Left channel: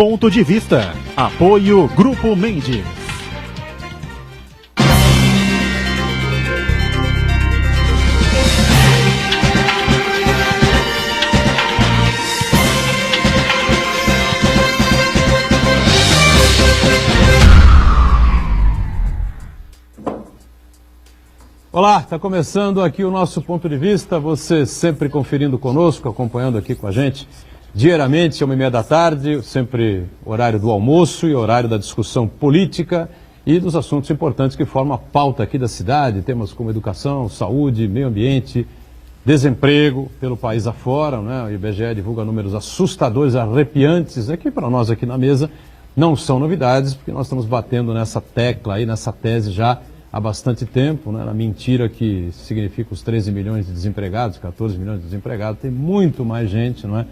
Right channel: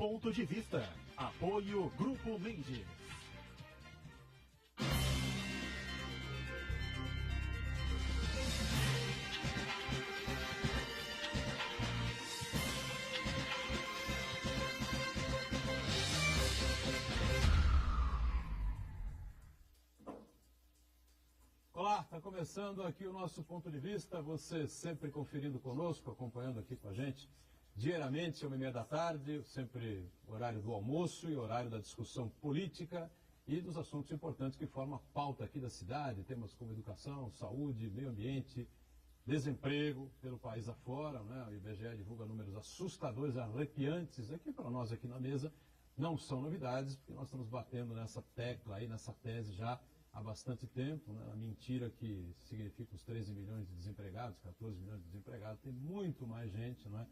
Ponto de Vista. Apoio Grupo Mendes. Olá, está começando aqui o nosso Ponto de Vista, você sempre conferindo conosco, acompanhando aqui com a gente, diariamente, 1h30 da tarde, sempre horário do almoço e horário da discussão política e dos assuntos importantes que formam a pauta aqui da cidade, temas como educação, saúde, meio ambiente, desemprego pelo país afora, né? O IBGE divulga números assustadores, arrepiantes, aqui para nós aqui na mesa não são novidades, porque nós estamos batendo nessa tecla aí, nessa tese já há bastante tempo, né, na mentira que significa os 13 milhões de desempregados, 14 milhões de desempregados, tem muito mais gente, não é,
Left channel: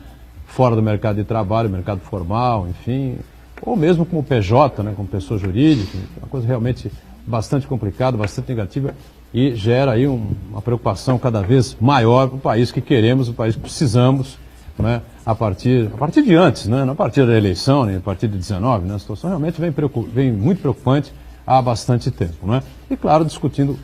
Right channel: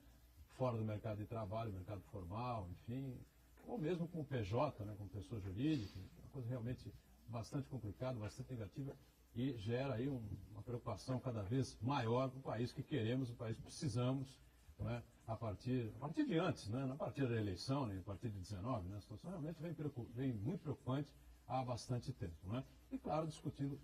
fora do mercado de trabalho, mercado formal, enfim, ou mesmo como PJ, né, como pessoa jurídica, uma coisa realmente bastante complicada, bastante negativa e gera aí uma preocupação cada vez maior para o país que queremos, o país que precisamos, né, a partir de antes, né, não a partir da eleição, nem a partir de 19, né, a situação realmente vem muito preocupante há bastante tempo, não é? E claro, discutindo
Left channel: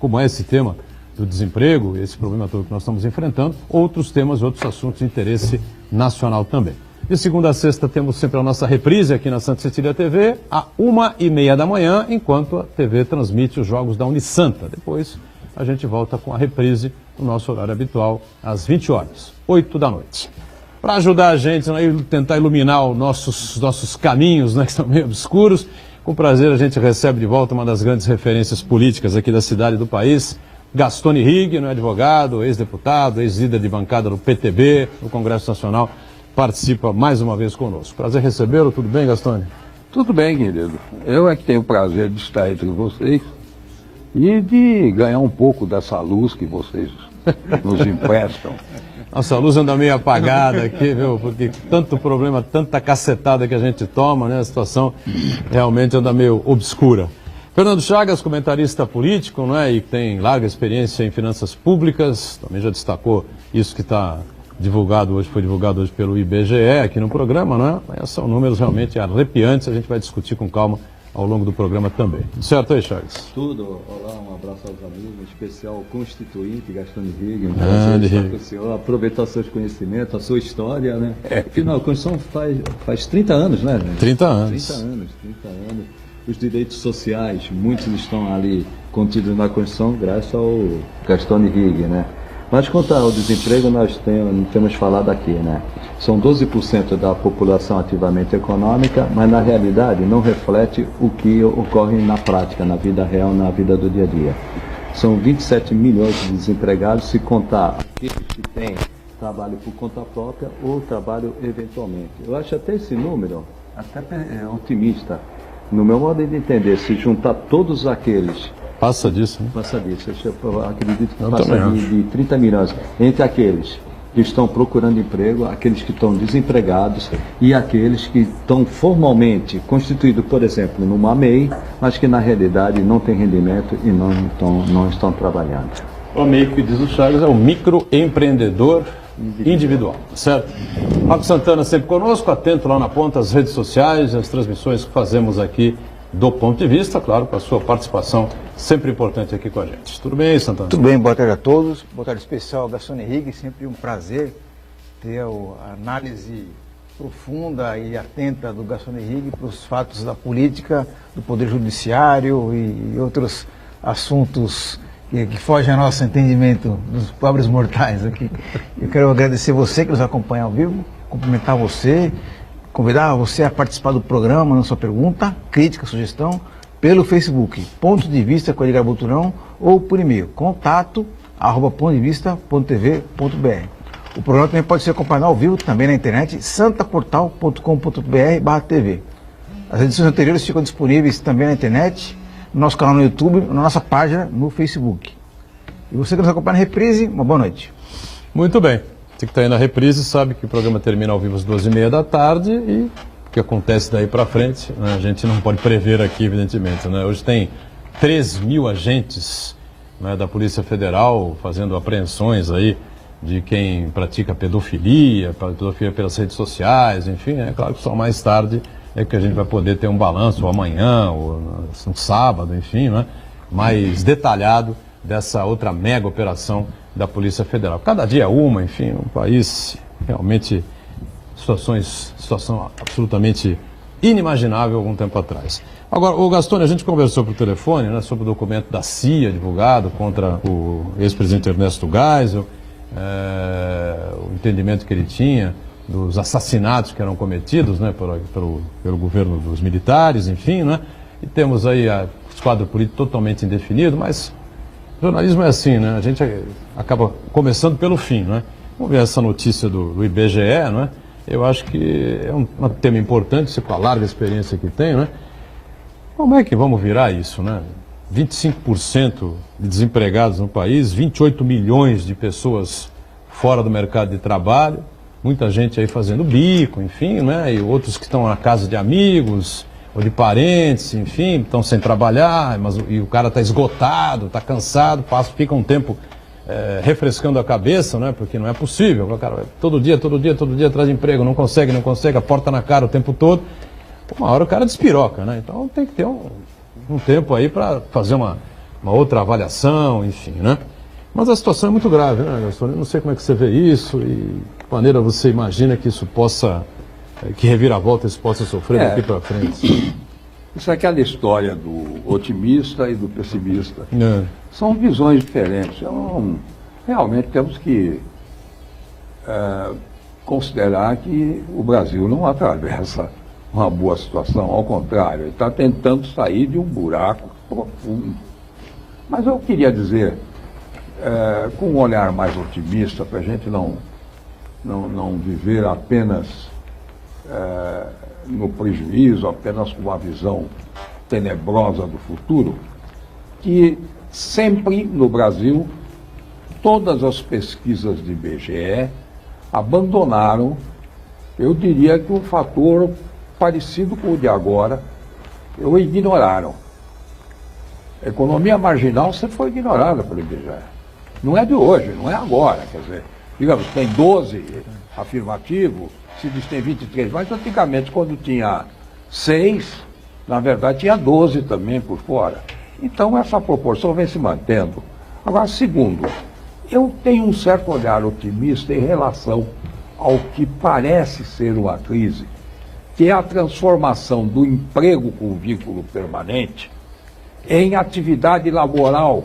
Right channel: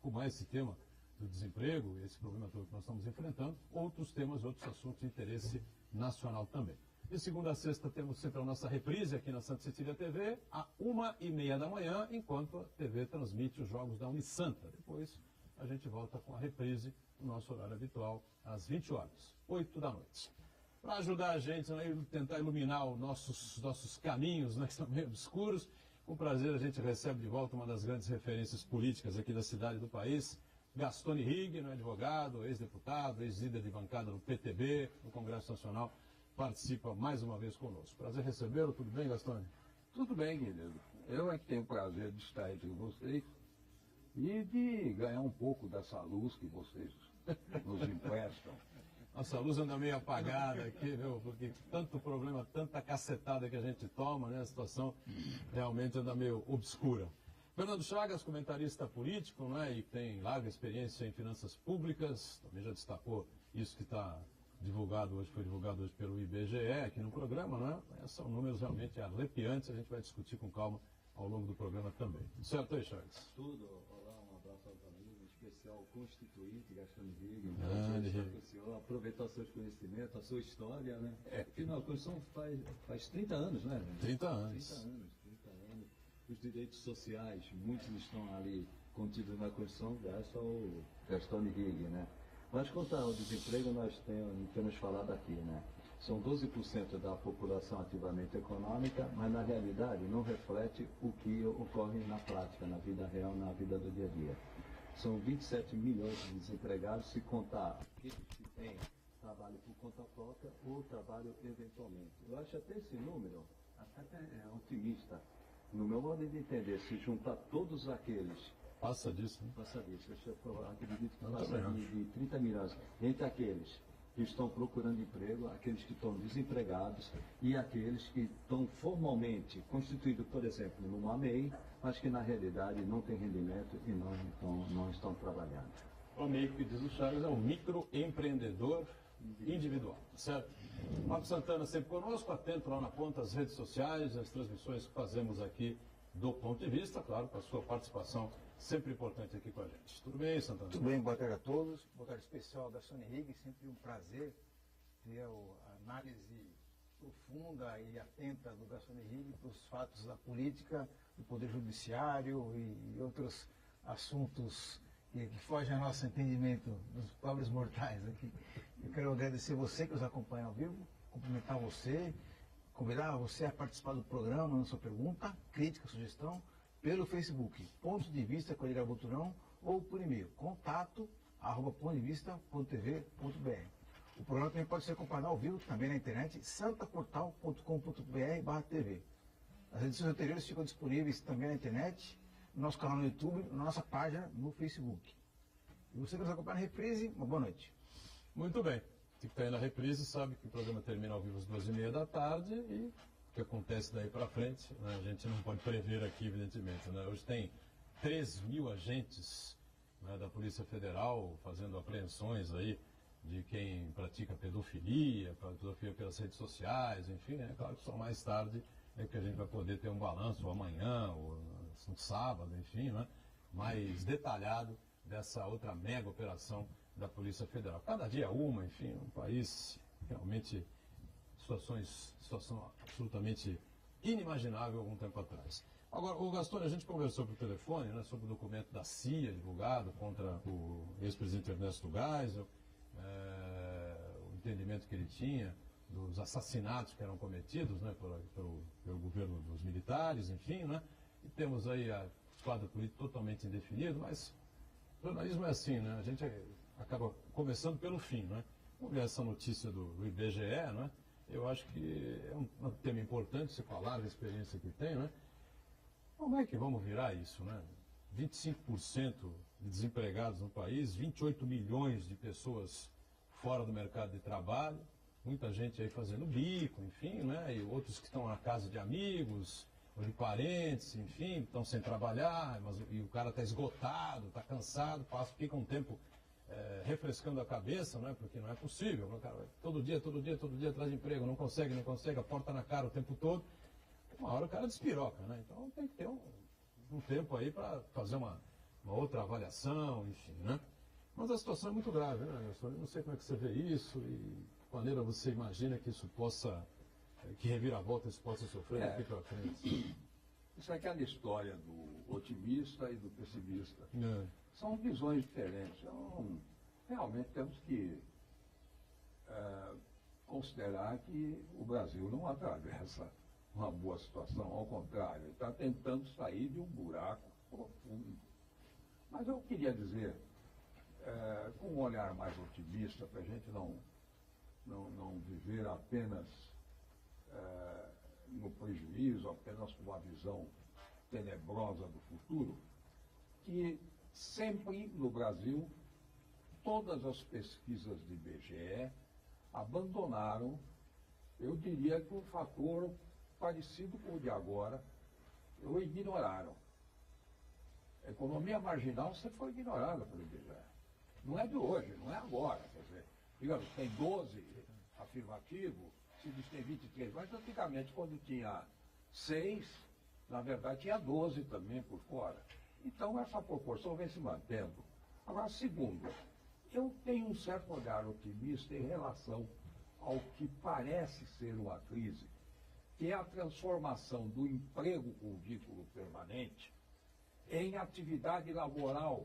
como é esse tema do desemprego, esse problema todo que nós estamos enfrentando, outros temas, outros assuntos de interesse nacional também. De segunda a sexta temos sempre a nossa reprise aqui na Santa Cecília TV, às 1h30 da manhã, enquanto a TV transmite os jogos da Unisanta. Depois a gente volta com a reprise no nosso horário habitual, às 20 horas, 8 da noite. Para ajudar a gente a tentar iluminar os nossos caminhos, né, que estão meio obscuros, com prazer a gente recebe de volta uma das grandes referências políticas aqui da cidade e do país, Gastone Rigg, advogado, ex-deputado, ex-líder de bancada do PTB, no Congresso Nacional, participa mais uma vez conosco. Prazer recebê-lo, tudo bem, Gastone? Tudo bem, querido. Eu é que tenho o prazer de estar entre vocês e de ganhar um pouco dessa luz que vocês nos emprestam. Nossa, a luz anda meio apagada aqui, viu? Porque tanto problema, tanta cacetada que a gente toma, né? A situação realmente anda meio obscura. Fernando Chagas, comentarista político, né? E tem larga experiência em finanças públicas, também já destacou isso que está divulgado hoje, foi divulgado hoje pelo IBGE aqui no programa, né? São números realmente arrepiantes, a gente vai discutir com calma ao longo do programa também. Certo aí, Chagas? Tudo. Olá, um abraço aos amigos, em especial ao constituinte Gastone Rigg, um prazer estar com o senhor, aproveitar seus conhecimentos, a sua história, né? Afinal, a Constituição faz 30 anos, né? 30 anos. 30 anos. Os direitos sociais, muitos estão ali contidos na Constituição, graças ao Gastone Rigg, né? Mas quanto ao desemprego, nós temos falado aqui, né? São 12% da população ativamente econômica, mas na realidade não reflete o que ocorre na prática, na vida real, na vida do dia a dia. São 27 milhões de desempregados, se contar aqueles que têm trabalho por conta própria ou trabalho eventualmente. Eu acho até esse número até otimista. No meu modo de entender, se juntar todos aqueles... Passa disso, né? Passa disso. Eu acredito que passa de 30 milhões. Entre aqueles que estão procurando emprego, aqueles que estão desempregados e aqueles que estão formalmente constituídos, por exemplo, numa MEI, mas que na realidade não têm rendimento e não estão trabalhando. O MEI, que diz o Chagas, é o microempreendedor individual, certo? Marco Santana sempre conosco, atento lá na ponta às redes sociais, as transmissões que fazemos aqui do Ponto de Vista, claro, com a sua participação sempre importante aqui com a gente. Tudo bem, Santana? Tudo bem, boa tarde a todos. Boa tarde especial ao Gastone Rigg, sempre um prazer ter a análise profunda e atenta do Gastone Rigg para os fatos da política, do Poder Judiciário e outros assuntos que fogem ao nosso entendimento dos pobres mortais aqui. Eu quero agradecer você que nos acompanha ao vivo, cumprimentar você, convidar você a participar do programa, mandando sua pergunta, crítica, sugestão, pelo Facebook, Ponto de Vista com Edgar Boturão, ou por e-mail, contato@pontodevista.tv.br. O programa também pode ser acompanhado ao vivo, também na internet, santaportal.com.br/tv. As edições anteriores ficam disponíveis também na internet, no nosso canal no YouTube, na nossa página no Facebook. E você que nos acompanha na reprise, uma boa noite. Muito bem. Você que está aí na reprise sabe que o programa termina ao vivo às 2h30 da tarde e o que acontece daí para frente, né, a gente não pode prever aqui, evidentemente, né? Hoje tem 3.000 agentes, né, da Polícia Federal fazendo apreensões aí de quem pratica pedofilia pelas redes sociais, enfim, é claro que só mais tarde é que a gente vai poder ter um balanço, ou amanhã, ou no sábado, enfim, né, mais detalhado dessa outra mega operação da Polícia Federal. Cada dia é uma, enfim, um país realmente, situação absolutamente inimaginável algum tempo atrás. Agora, o Gastone, a gente conversou por telefone, né, sobre o documento da CIA divulgado contra o ex-presidente Ernesto Geisel, o entendimento que ele tinha dos assassinatos que eram cometidos, né, pelo governo dos militares, enfim, né, e temos aí o quadro político totalmente indefinido, mas jornalismo é assim, né, a gente acaba começando pelo fim, né. Vamos ver essa notícia do IBGE, né, eu acho que é um tema importante, com a larga experiência que tem, né. Como é que vamos virar isso, né? 25% de desempregados no país, 28 milhões de pessoas fora do mercado de trabalho, muita gente aí fazendo bico, enfim, né? E outros que estão na casa de amigos ou de parentes, enfim, estão sem trabalhar, e o cara está esgotado, está cansado, fica um tempo refrescando a cabeça, né? Porque não é possível, o cara todo dia atrás de emprego, não consegue, a porta na cara o tempo todo. Uma hora o cara despiroca, né? Então tem que ter um tempo aí para fazer uma outra avaliação, enfim, né? Mas a situação é muito grave, né, Gastone? Eu não sei como é que você vê isso e de que maneira você imagina que isso possa, que reviravolta isso possa sofrer daqui para frente. Isso é aquela história do otimista e do pessimista. São visões diferentes. Realmente temos que considerar que o Brasil não atravessa uma boa situação, ao contrário, ele está tentando sair de um buraco profundo. Mas eu queria dizer, com um olhar mais otimista, para a gente não viver apenas no prejuízo, apenas com uma visão tenebrosa do futuro, que sempre no Brasil, todas as pesquisas de IBGE abandonaram, eu diria que um fator parecido com o de agora, o ignoraram. A economia marginal sempre foi ignorada pelo IBGE. Não é de hoje, não é agora. Quer dizer, digamos, tem 12 afirmativo, se diz que tem 23, mas antigamente, quando tinha 6, na verdade tinha 12 também por fora. Então essa proporção vem se mantendo. Agora, segundo, eu tenho um certo olhar otimista em relação ao que parece ser uma crise, que é a transformação do emprego com vínculo permanente em atividade laboral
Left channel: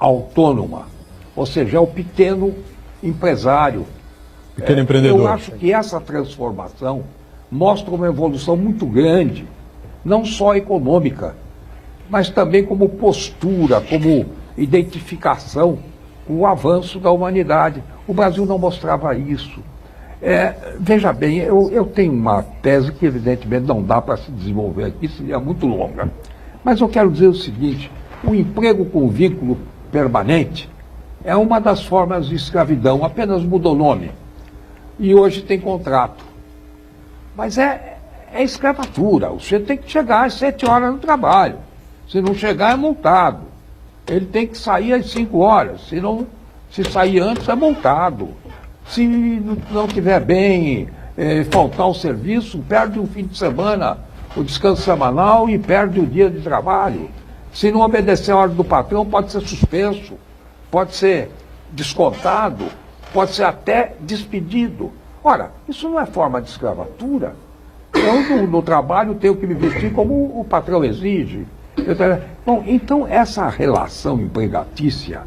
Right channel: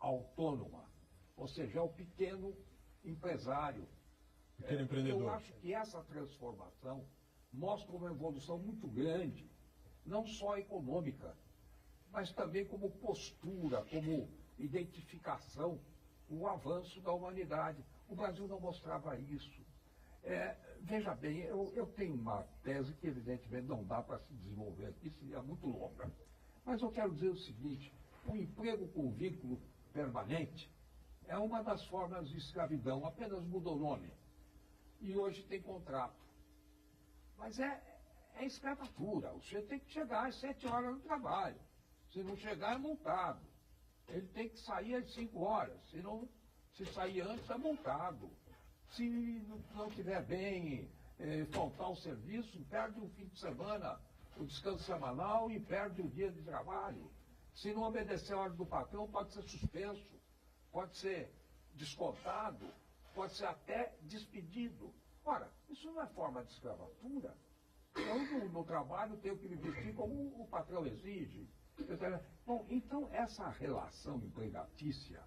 autônoma, ou seja, é o pequeno empresário. Pequeno empreendedor. Eu acho que essa transformação mostra uma evolução muito grande, não só econômica, mas também como postura, como identificação com o avanço da humanidade. O Brasil não mostrava isso. Veja bem, eu tenho uma tese que evidentemente não dá para se desenvolver aqui, seria muito longa. Mas eu quero dizer o seguinte, o emprego com vínculo permanente é uma das formas de escravidão, apenas mudou o nome. E hoje tem contrato. Mas é escravatura, o sujeito tem que chegar às 7 horas no trabalho. Se não chegar, é multado. Ele tem que sair às 5 horas, se sair antes, é multado. Se não estiver bem, faltar o serviço, perde o fim de semana, o descanso semanal e perde o dia de trabalho. Se não obedecer a ordem do patrão, pode ser suspenso, pode ser descontado, pode ser até despedido. Ora, isso não é forma de escravatura. Eu, no trabalho, tenho que me vestir como o patrão exige. Bom, então, essa relação empregatícia,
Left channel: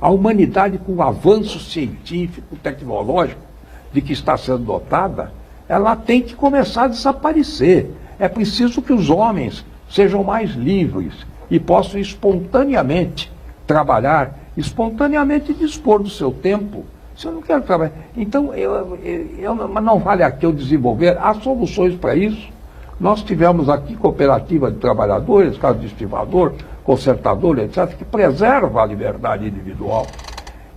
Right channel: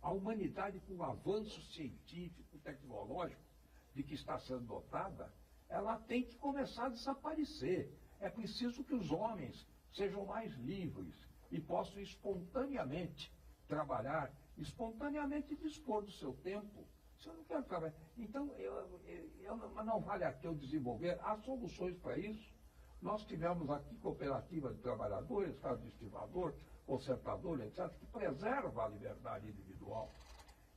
a humanidade, com o avanço científico, tecnológico de que está sendo dotada, ela tem que começar a desaparecer. É preciso que os homens sejam mais livres e possam espontaneamente trabalhar, espontaneamente dispor do seu tempo. Se eu não quero trabalhar, então não vale aqui eu desenvolver, há soluções para isso. Nós tivemos aqui cooperativa de trabalhadores, caso de estivador, consertador, etc., que preserva a liberdade individual.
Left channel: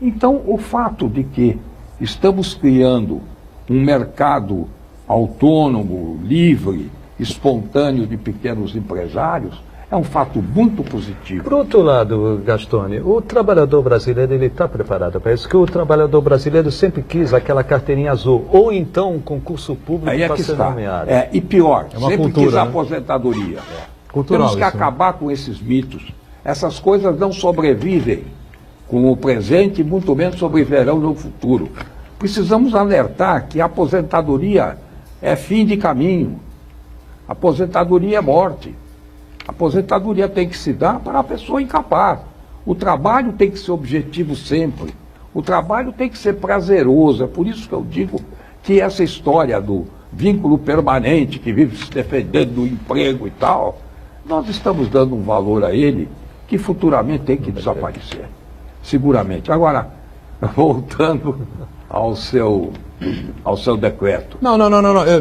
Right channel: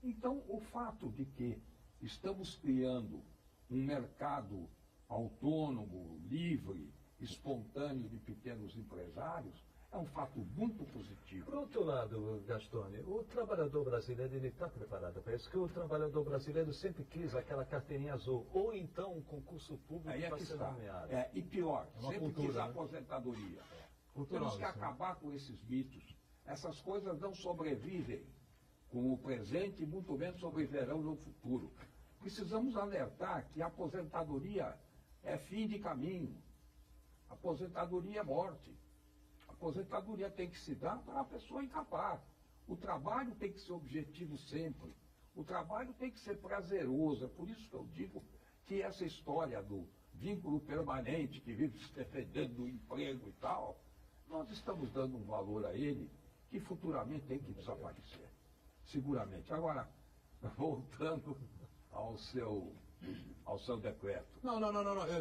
Então, o fato de que estamos criando um mercado autônomo, livre, espontâneo de pequenos empresários, É um fato muito positivo. Por outro lado, Gastone, o trabalhador brasileiro ele está preparado para isso, que o trabalhador brasileiro sempre quis aquela carteirinha azul, ou então um concurso público Aí é para que ser está. nomeado. E pior, É uma sempre cultura, quis a né? aposentadoria. Cultural Temos que isso, né? acabar com esses mitos. Essas coisas não sobrevivem com o presente e muito menos sobreviverão no futuro. Precisamos alertar que a aposentadoria é fim de caminho. A aposentadoria é morte. A aposentadoria tem que se dar para a pessoa incapaz. O trabalho tem que ser objetivo sempre. O trabalho tem que ser prazeroso. É por isso que eu digo que essa história do vínculo permanente, que vive se defendendo do emprego e tal, nós estamos dando um valor a ele que futuramente tem que desaparecer. Seguramente. Agora, voltando ao seu decreto. Não.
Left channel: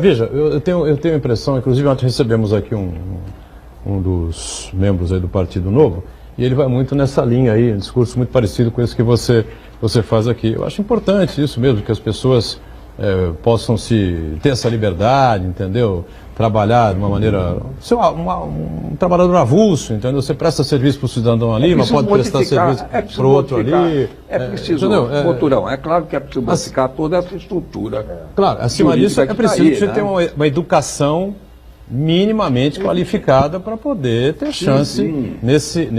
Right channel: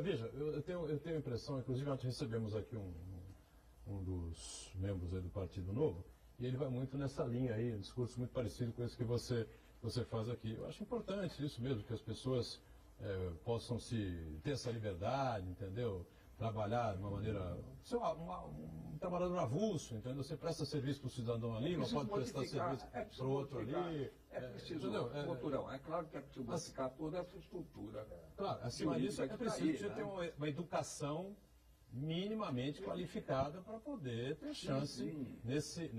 Veja, eu tenho a impressão, inclusive ontem recebemos aqui um dos membros aí do Partido Novo, e ele vai muito nessa linha aí, um discurso muito parecido com esse que você faz aqui. Eu acho importante isso mesmo, que as pessoas possam ter essa liberdade, entendeu? Trabalhar de uma maneira... Ser um trabalhador avulso, entendeu? Você presta serviço para o cidadão ali, mas pode prestar serviço para o outro ali. É preciso, Boturão, é claro que é preciso modificar toda essa estrutura. Claro, acima disso é preciso que você né? tenha uma educação minimamente qualificada para poder ter chance sim. Nesse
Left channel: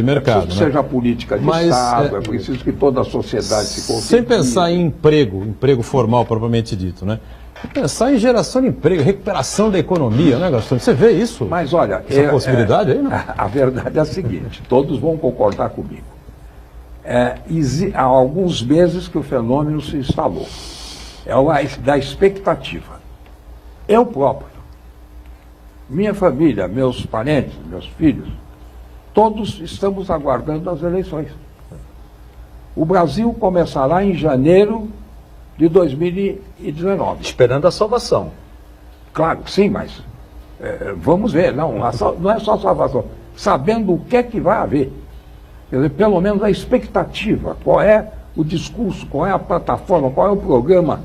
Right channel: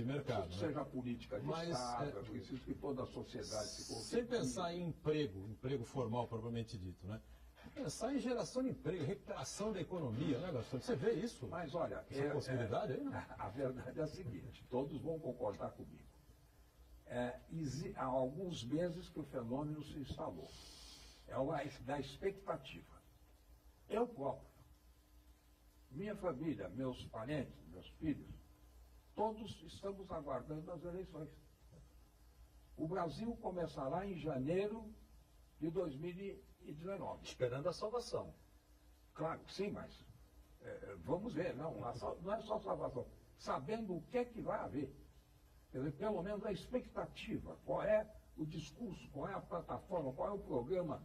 mercado. É preciso que seja política de Estado, é preciso que toda a sociedade se confie. Sem pensar em emprego formal propriamente dito, né? Pensar em geração de emprego, recuperação da economia, né, Gastão? Você vê isso? Mas olha, essa possibilidade aí, não? A verdade é a seguinte, todos vão concordar comigo. Há alguns meses que o fenômeno se instalou. É o da expectativa. Eu próprio, minha família, meus parentes, meus filhos, todos estamos aguardando as eleições. O Brasil começará em janeiro de 2019. Esperando a salvação. Claro, sim, mas vamos ver, não é só salvação. Sabendo o que é que vai haver. Quer dizer, pelo menos a expectativa, qual é o discurso, qual é a plataforma, qual é o programa,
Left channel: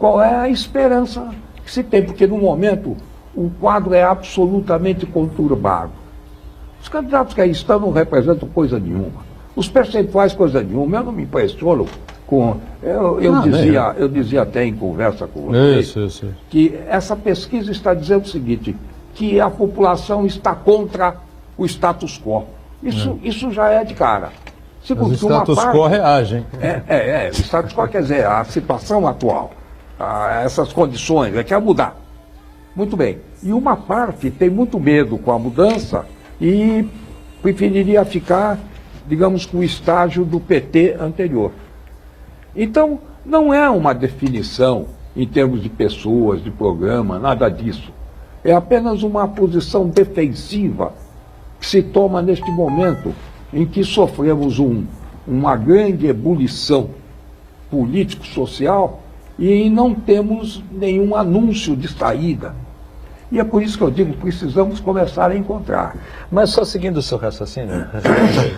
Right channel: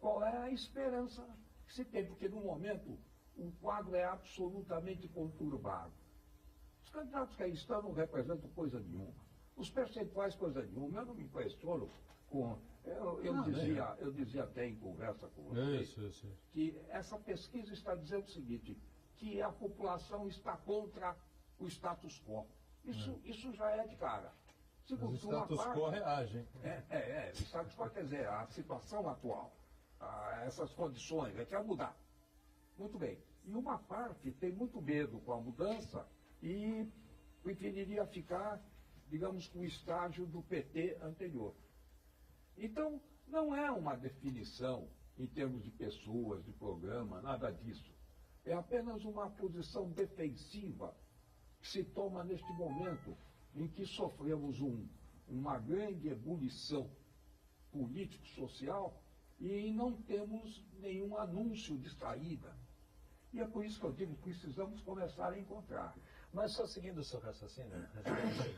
qual é a esperança que se tem, porque no momento o quadro é absolutamente conturbado. Os candidatos que aí estão não representam coisa nenhuma. Os percentuais, coisa nenhuma. Eu não me impressiono com... Eu dizia até em conversa com vocês que essa pesquisa está dizendo o seguinte, que a população está contra o status quo. Isso já é de cara. Mas o status quo reage, hein? O status quo quer dizer a situação atual, essas condições, quer mudar. Muito bem. E uma parte tem muito medo com a mudança e preferiria ficar, digamos, com o estágio do PT anterior. Então, não é uma definição em termos de pessoas, de programa, nada disso. É apenas uma posição defensiva que se toma neste momento em que sofremos uma grande ebulição político-social e não temos nenhum anúncio de saída. E é por isso que eu digo, precisamos começar a encontrar. Mas só seguindo o seu raciocínio,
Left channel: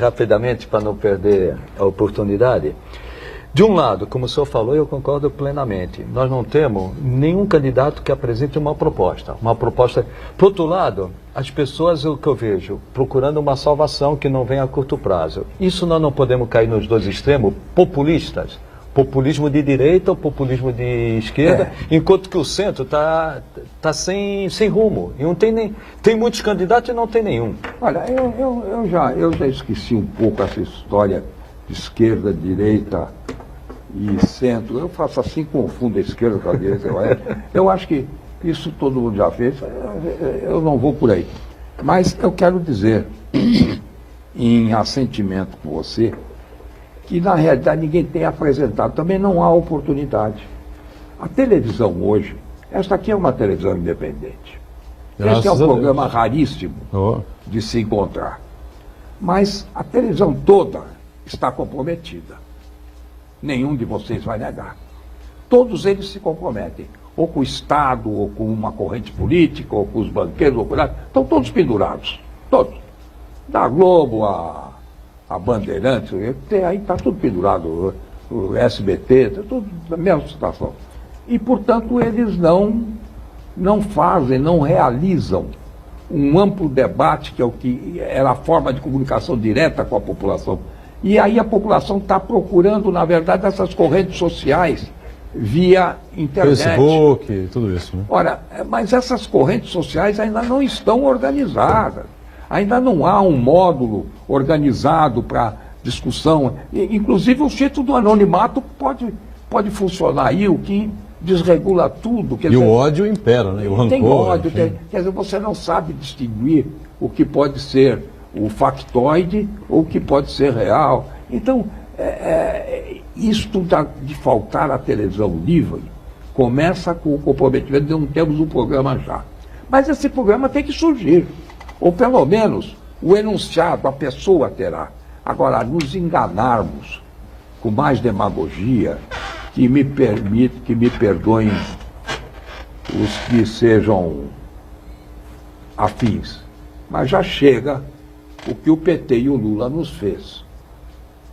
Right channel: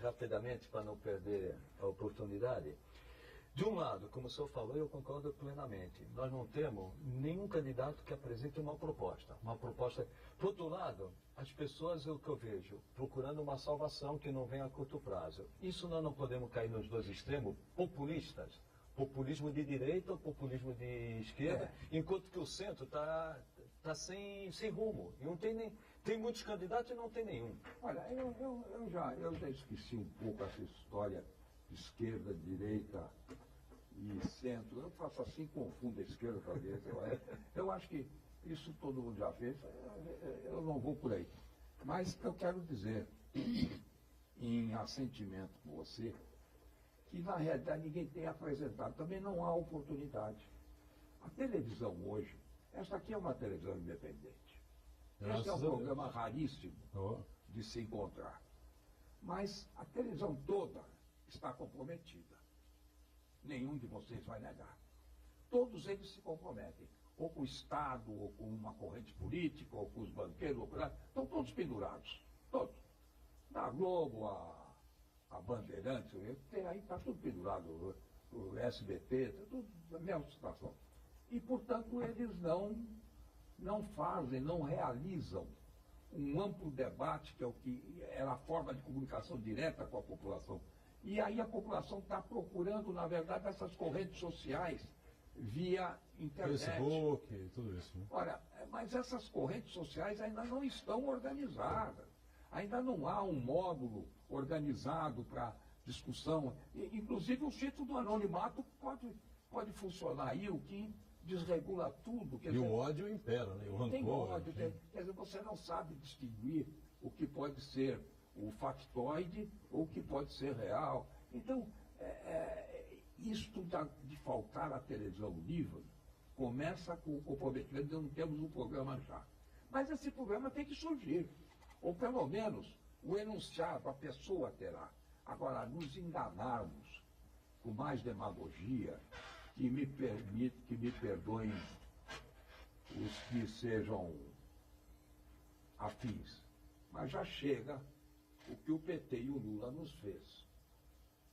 rapidamente, para não perder a oportunidade. De um lado, como o senhor falou, eu concordo plenamente. Nós não temos nenhum candidato que apresente uma proposta. Por outro lado, as pessoas, o que eu vejo, procurando uma salvação que não vem a curto prazo. Isso nós não podemos cair nos dois extremos populistas. Populismo de direita ou populismo de esquerda, enquanto que o centro está sem rumo. E não tem muitos candidatos e não tem nenhum. Olha, eu já esqueci um pouco essa história de esquerda, direita e centro. Eu faço assim, confundo a esquerda com a direita. Eu acho que isso todo mundo já fez, eu não vou por aí. Mas eu quero dizer, em assentimento com você, que na realidade ninguém tem apresentado, também não há oportunidade. A televisão hoje, esta aqui é uma televisão independente. Este é um programa raríssimo de se encontrar. Mas a televisão toda está comprometida. Nenhum de vocês vai negar. Todos eles se comprometem, ou com o Estado, ou com uma corrente política, ou com os banqueiros, ou com nada. Estão todos pendurados, todos. Da Globo a Bandeirantes, aí está tudo pendurado, o SBT, está tudo na mesma situação. E, portanto, eles não fazem, não realizam um amplo debate, que é o que era a forma de comunicação direta com a população. E aí a população está procurando, na verdade, essas correntes sociais via internet. Facebook, tudo isso, né? Ora, mas essas correntes sociais ainda não estão organizadas. Ainda não há um módulo organizado para discussão. Inclusive, o título do anonimato pode funcionar aí, o que desregula tudo. Quer dizer, o ódio impera, né? E o rancor. Tem ódio, quer dizer, você não sabe distinguir o que pode ser o factoide ou o que pode ser real. Então, isto de faltar a televisão livre começa com o comprometimento de não termos um programa já. Mas esse programa tem que surgir. Ou pelo menos o enunciado, a pessoa terá. Agora, nos enganarmos com mais demagogia, que me perdoem os que sejam afins, mas já chega o que o PT e o Lula nos fez.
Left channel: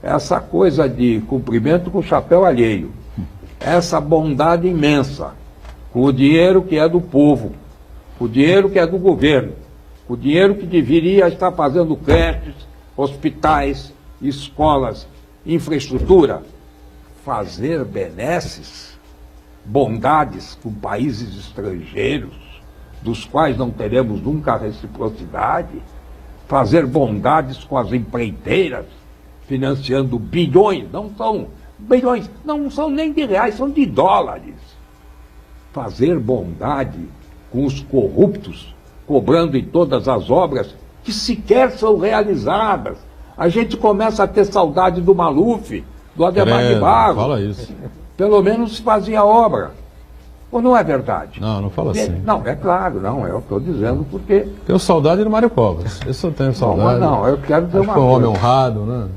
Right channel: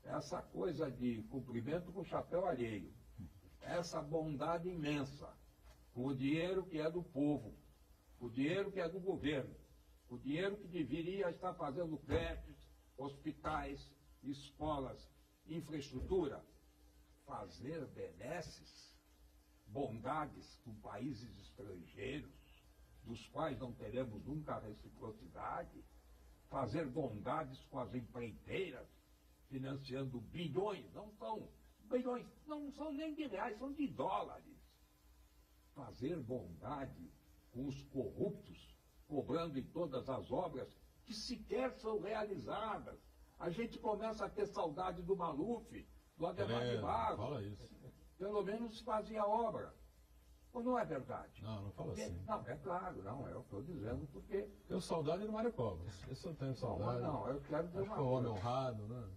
Essa coisa de cumprimento com o chapéu alheio, essa bondade imensa, com o dinheiro que é do povo, com o dinheiro que é do governo, com o dinheiro que deveria estar fazendo creches, hospitais, escolas, infraestrutura, fazer benesses, bondades com países estrangeiros, dos quais não teremos nunca reciprocidade, fazer bondades com as empreiteiras, financiando bilhões, não são nem de reais, são de dólares. Fazer bondade com os corruptos, cobrando em todas as obras que sequer são realizadas. A gente começa a ter saudade do Maluf, do Ademar de Barros. Fala isso. Pelo menos se fazia obra. Ou não é verdade? Não fala assim. Não, é claro, não, eu estou dizendo porque... Tenho saudade do Mário Covas. Esse eu tenho saudade. Não, eu quero dizer uma coisa. Foi um homem coisa. honrado, né?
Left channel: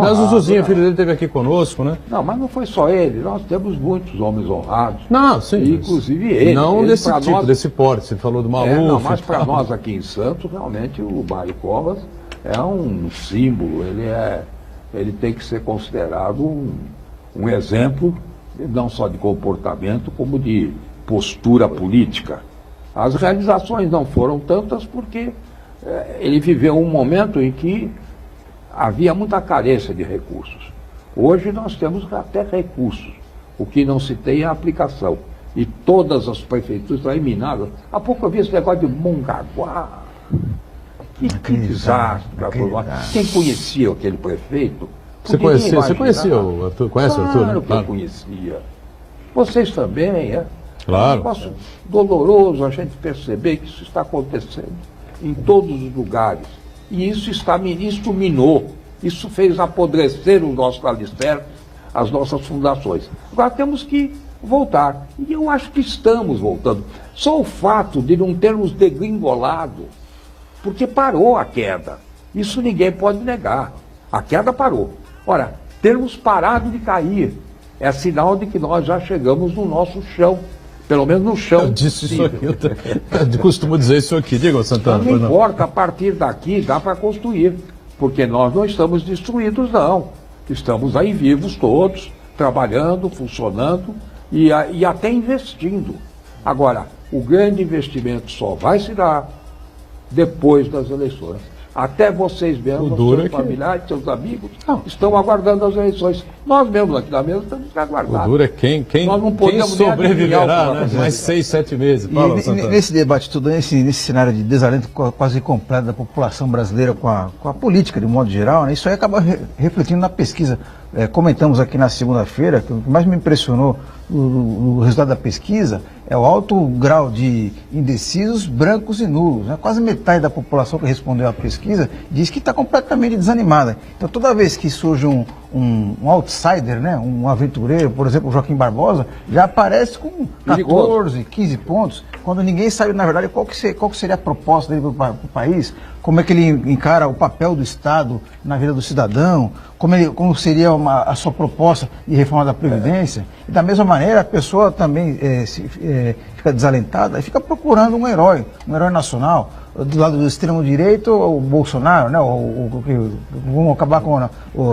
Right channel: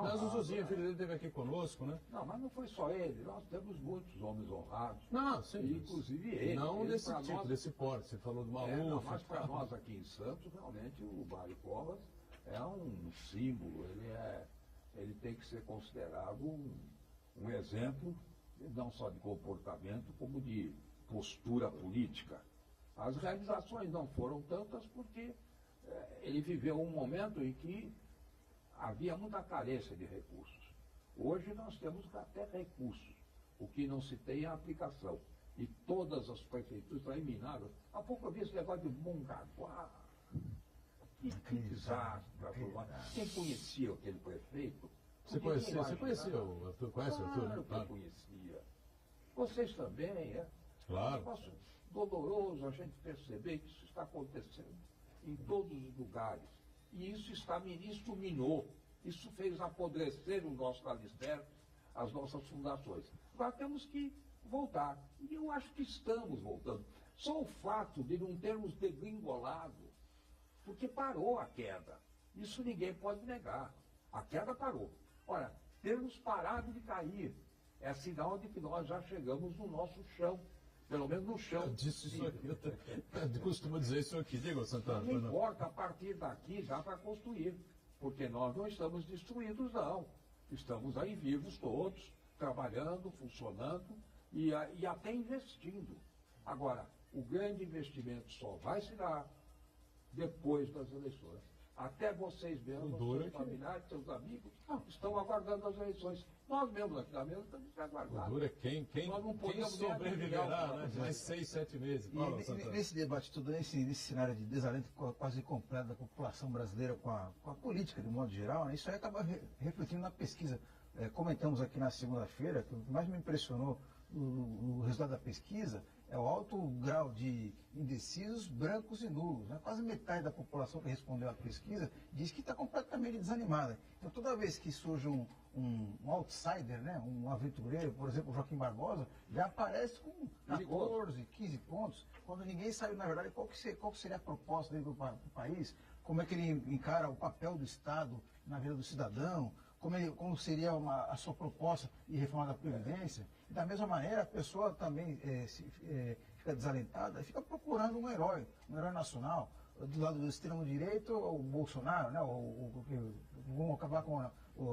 Mas o Zuzinho, filho dele, esteve aqui conosco, né? Não, mas não foi só ele, nós temos muitos homens honrados. Não, sim. Inclusive ele. Não ele, desse tipo, nós... desse porte, você falou do Maluf. Não, mas para nós aqui em Santos, realmente, o Mário Covas é um símbolo, ele tem que ser considerado um exemplo, não só de comportamento, como de postura política. As realizações não foram tantas porque ele viveu um momento em que havia muita carência de recursos. Hoje nós temos até recursos, o que não se tem é a aplicação. E todas as prefeituras estão minadas. Há pouco eu vi esse negócio de Mongaguá. Que desastre. Quem conhecia aquele prefeito? Você conhecia o Arthur? Conhece o Arthur? Claro que eu conhecia. Vocês também, Claro. É um negócio doloroso a gente perceber que isso está acontecendo em todos os lugares. E isso minou, isso fez apodrecer o nosso alicerce, as nossas fundações. Agora temos que voltar. E eu acho que estamos voltando. Só o fato de não termos degringolado, porque parou a queda. Isso ninguém pode negar. A queda parou. Ora, termos parado de cair é sinal de que nós já chegamos no nosso chão. Pelo menos no chão. Eu disse isso aqui, eu costumo dizer isso aqui. Diga, Santana. Não importa, a partir daqui dá para construir, porque nós não estamos destruídos, não. Estamos aí vivos todos, trabalhando, funcionando e até investindo. Agora, o grande investimento só vai se dar depois das eleições. Até vocês mesmos, seus familiares, seus amigos, estão aguardando as eleições. Nós mesmos aqui da mesa temos que aguardar. O duro é quem sobreviverá, né? Mais 6, 7 meses. Fala, nesse debate todo, nesse cenário de desalento quase completo da população brasileira com a política, de modo geral, né? Isso aí acaba refletindo na pesquisa. Comentamos aqui na segunda-feira que o que mais me impressionou no resultado da pesquisa é o alto grau de indecisos, brancos e nulos. Né? Quase metade da população que respondeu à pesquisa diz que está completamente desanimada. Então, toda vez que surge um outsider, né? Um aventureiro, por exemplo, o Joaquim Barbosa, já aparece com 14, 15 pontos, quando ninguém sabe, na verdade, qual que seria a proposta dele para o país, como é que ele encara o papel do Estado na vida do cidadão, como seria a sua proposta de reforma da Previdência. E da mesma maneira, a pessoa também fica desalentada e fica procurando um herói nacional. do lado do extremo-direito, o Bolsonaro, né? Vamos acabar com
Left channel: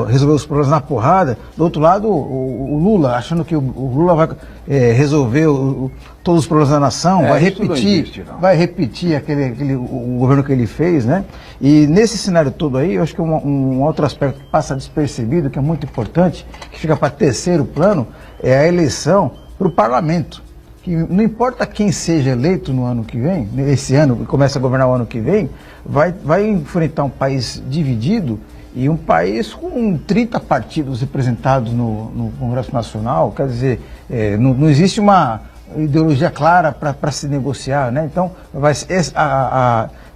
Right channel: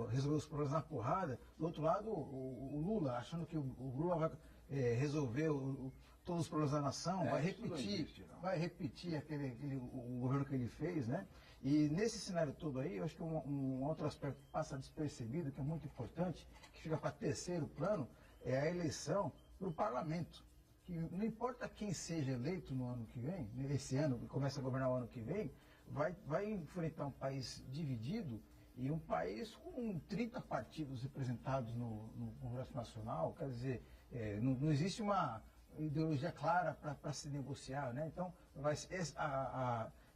resolver os problemas na porrada. Do outro lado, o Lula, achando que o Lula vai resolver todos os problemas da nação, vai repetir o governo que ele fez, né? E nesse cenário todo aí, eu acho que um outro aspecto que passa despercebido, que é muito importante, que fica para terceiro plano, é a eleição para o parlamento. Que não importa quem seja eleito no ano que vem, esse ano, começa a governar o ano que vem, vai enfrentar um país dividido e um país com 30 partidos representados no Congresso Nacional. Quer dizer, não existe uma ideologia clara para se negociar, né? Então,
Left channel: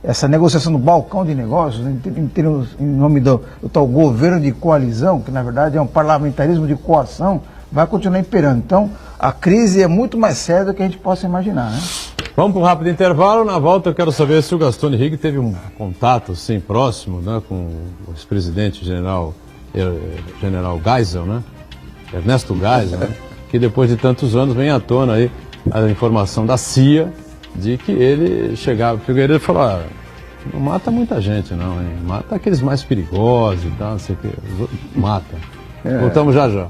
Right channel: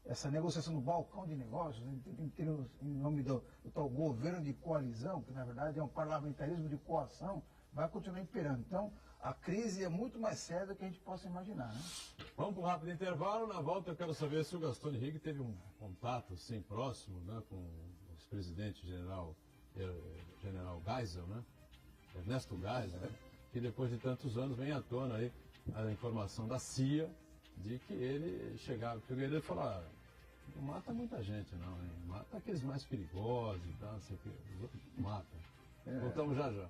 essa negociação no balcão de negócios, em nome do tal governo de coalizão, que na verdade é um parlamentarismo de coação, vai continuar imperando. Então, a crise é muito mais séria do que a gente possa imaginar, né? Vamos para um rápido intervalo. Na volta eu quero saber se o Gastone Rigg teve um contato assim, próximo, né, com o ex-presidente general Geisel, né? Ernesto Geisel, né? Que depois de tantos anos vem à tona aí a informação da CIA de que ele chegava, o Figueiredo falou, não mata muita gente não, hein? Mata aqueles mais perigosos e tal, não sei o que, mata. Voltamos já já.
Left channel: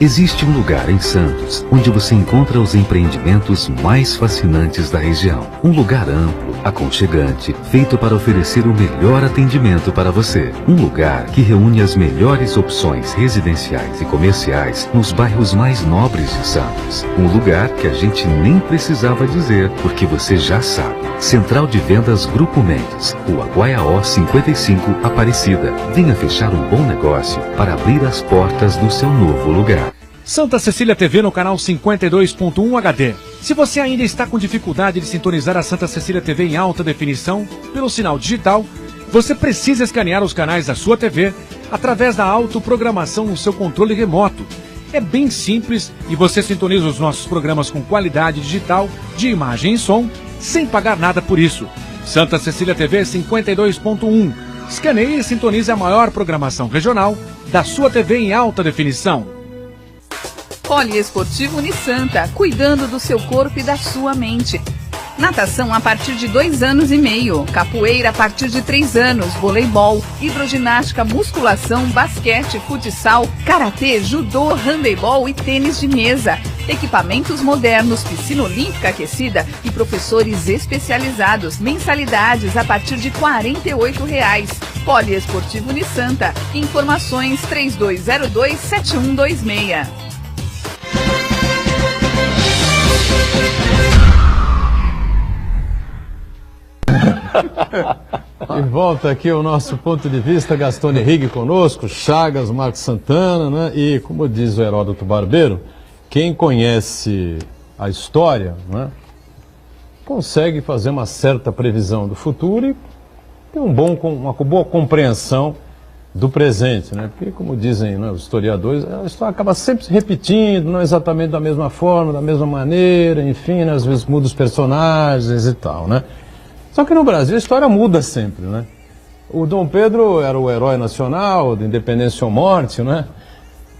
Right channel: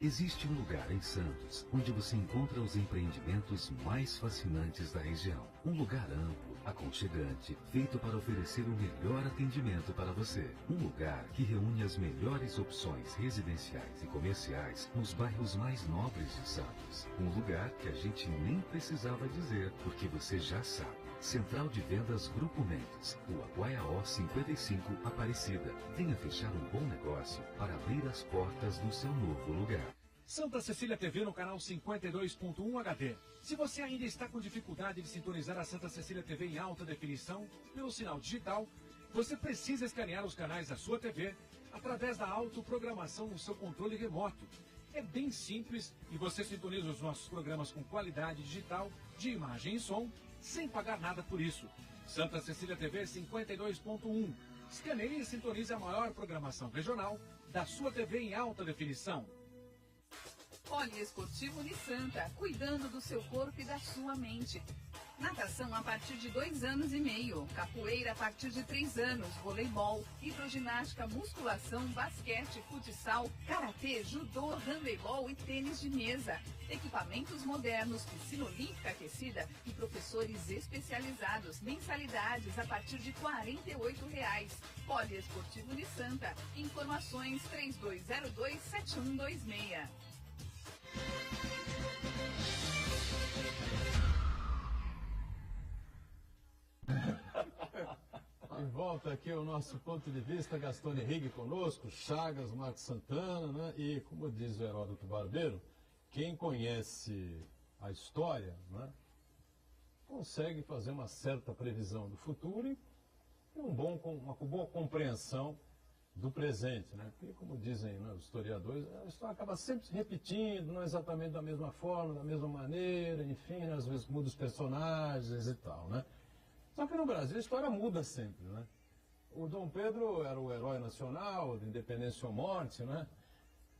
Existe um lugar em Santos onde você encontra os empreendimentos mais fascinantes da região. Um lugar amplo, aconchegante, feito para oferecer o melhor atendimento para você. Um lugar que reúne as melhores opções residenciais e comerciais nos bairros mais nobres de Santos. Um lugar que a gente nem precisava dizer, porque você já sabe. Central de Vendas Grupo Mendes, Rua Guaiaó 55, Aparecida. Venha fechar um bom negócio para abrir as portas do seu novo lugar. Santa Cecília TV no canal 52.1 HD. Se você ainda está com dificuldade de sintonizar a Santa Cecília TV em alta definição pelo sinal digital, você precisa escanear os canais da sua TV através da autoprogramação no seu controle remoto. É bem simples e você sintoniza os nossos programas com qualidade digital de imagem e som sem pagar nada por isso. Santa Cecília TV 52.1. Escaneie e sintonize a maior programação regional da sua TV em alta definição. Poliesportivo Unisanta, cuidando do seu corpo e da sua mente. Natação a partir de 2 anos e meio, capoeira a partir de 3 anos, voleibol, hidroginástica, musculação, basquete, futsal, karatê, judô, handebol e tênis de mesa. Equipamentos modernos, piscina olímpica aquecida e professores especializados. Mensalidades a partir de R$ 48,00. Poliesportivo Unisanta. Informações 3202-7126. E volta aqui o nosso ponto de vista, Gastone Rigg conosco, Chagas, Marcos Santana, né? E como diz o Heródoto Barbeiro, quem conhece a história, né, consegue fazer uma certa previsão do futuro e ter uma boa compreensão do presente, né? Porque, como dizem, né, os historiadores, a história acaba sempre se repetindo, não exatamente da mesma forma, da mesma maneira, enfim, né, às vezes muda os personagens e tal, né? Só que no Brasil a história muda sempre, né? O Dom Pedro era o herói nacional, de independência ou morte, né?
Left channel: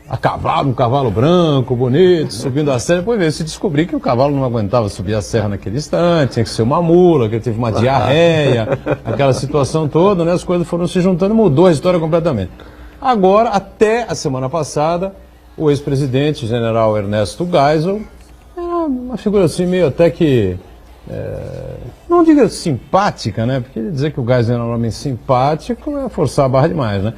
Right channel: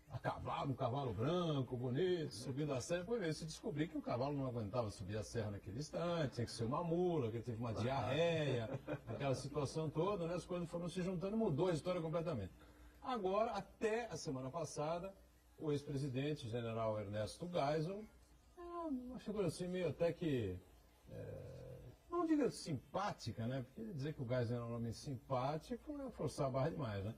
A cavalo, um cavalo branco, bonito, subindo a serra. Depois veio se descobrir que o cavalo não aguentava subir a serra naquele instante, tinha que ser uma mula, que ele teve uma diarreia, aquela situação toda, né? As coisas foram se juntando e mudou a história completamente. Agora, até a semana passada, o ex-presidente, general Ernesto Geisel, era uma figura assim meio até que... não diga simpática, né? Porque dizer que o Geisel era um homem simpático é forçar a barra demais, né?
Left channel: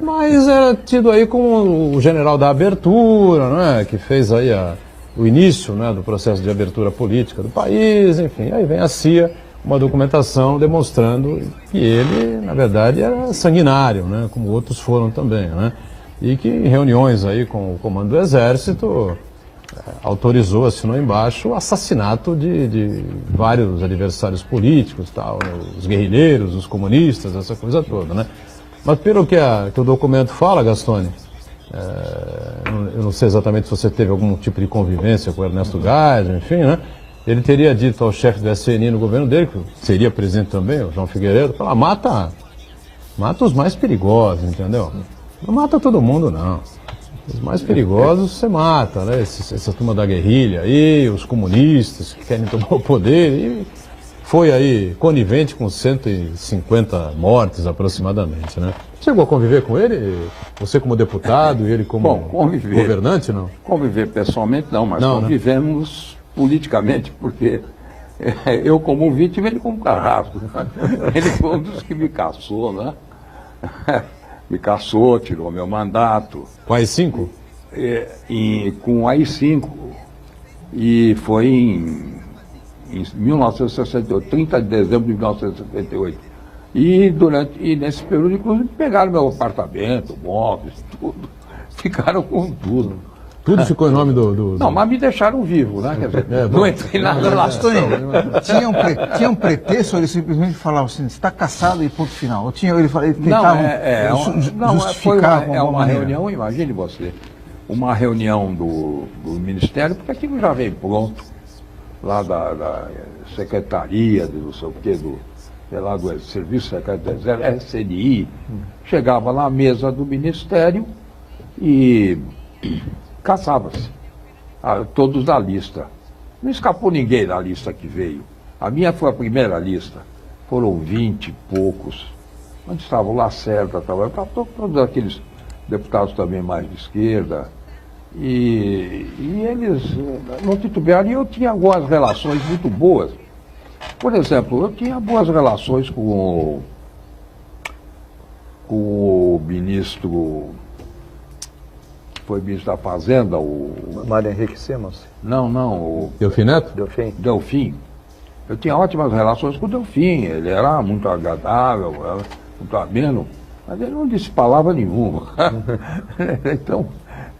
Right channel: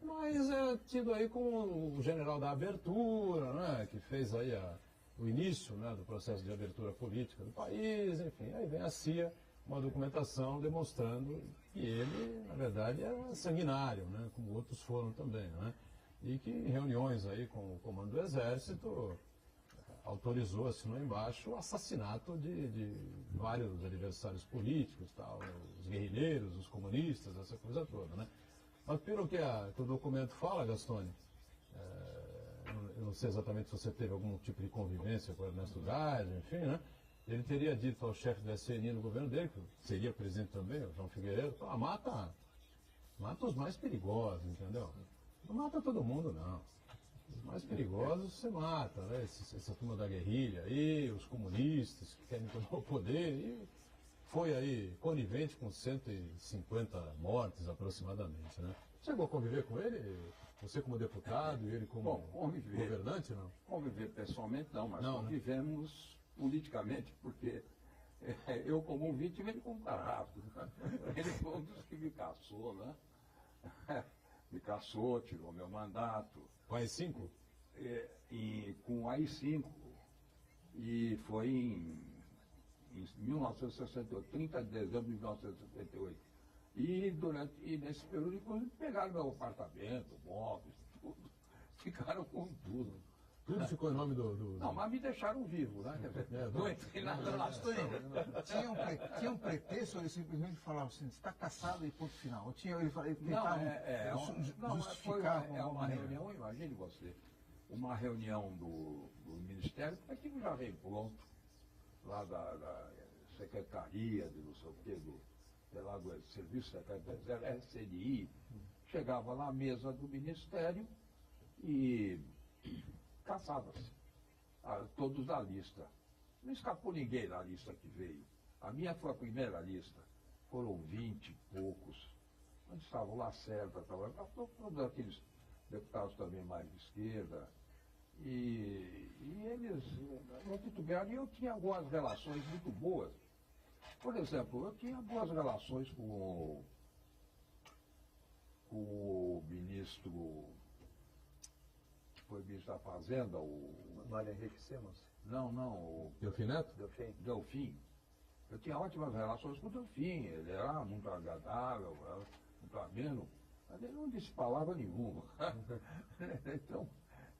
Mas era tido aí como o general da abertura, né? Que fez aí o início, né, do processo de abertura política do país, enfim. Aí vem a CIA, uma documentação demonstrando que ele, na verdade, era sanguinário, né? Como outros foram também, né? E que em reuniões aí com o comando do Exército autorizou, assinou embaixo, o assassinato de vários adversários políticos, tal, né? Os guerrilheiros, os comunistas, essa coisa toda, né? Mas pelo que o documento fala, Gastone, eu não sei exatamente se você teve algum tipo de convivência com o Ernesto Geisel, enfim, né? Ele teria dito ao chefe do SNI no governo dele, que seria presidente também, o João Figueiredo, falar, mata os mais perigosos, entendeu? Não mata todo mundo, não. Os mais perigosos você mata, né? Essa turma da guerrilha aí, os comunistas que querem tomar o poder. E foi aí conivente com 150 mortes aproximadamente, né? Chegou a conviver com ele? Você como deputado e ele como governante, não? Conviver pessoalmente não, mas Não, convivemos politicamente, porque eu como vítima, ele como carrasco. Ele foi um dos que me caçou, né? Me caçou, tirou meu mandato. Com as 5? Com o AI-5. E foi em 1968, 30 de dezembro de 1968. E nesse período, inclusive, pegaram meu apartamento, móveis, tudo. Ficaram com tudo. Tudo ficou em nome do... Não, mas me deixaram vivo, né? Quer dizer, não entrei nada lá. Tinha um pretexto, ele simplesmente falava assim, está caçado e ponto final. Ou tinha, ele Não, tentava justificar é uma reunião, imagine você, uma reunião do Ministério, porque aquilo já veio pronto, lá da Secretaria, de não sei o quê, lá do Serviço Secreto do Exército, SNI, chegava lá à mesa do Ministério e caçava-se, todos da lista. Não escapou ninguém da lista que veio. A minha foi a primeira lista. Foram 20 e poucos. Onde estavam lá certa, todos aqueles deputados também mais de esquerda. E eles não titubearam. E eu tinha algumas relações muito boas. Por exemplo, eu tinha boas relações com o ministro... Foi ministro da Fazenda, o... Mário Henrique Simons? Não, o... Delfim Neto? Delfim. Eu tinha ótimas relações com o Delfim, ele era muito agradável, era muito ameno, mas ele não disse palavra nenhuma. Então,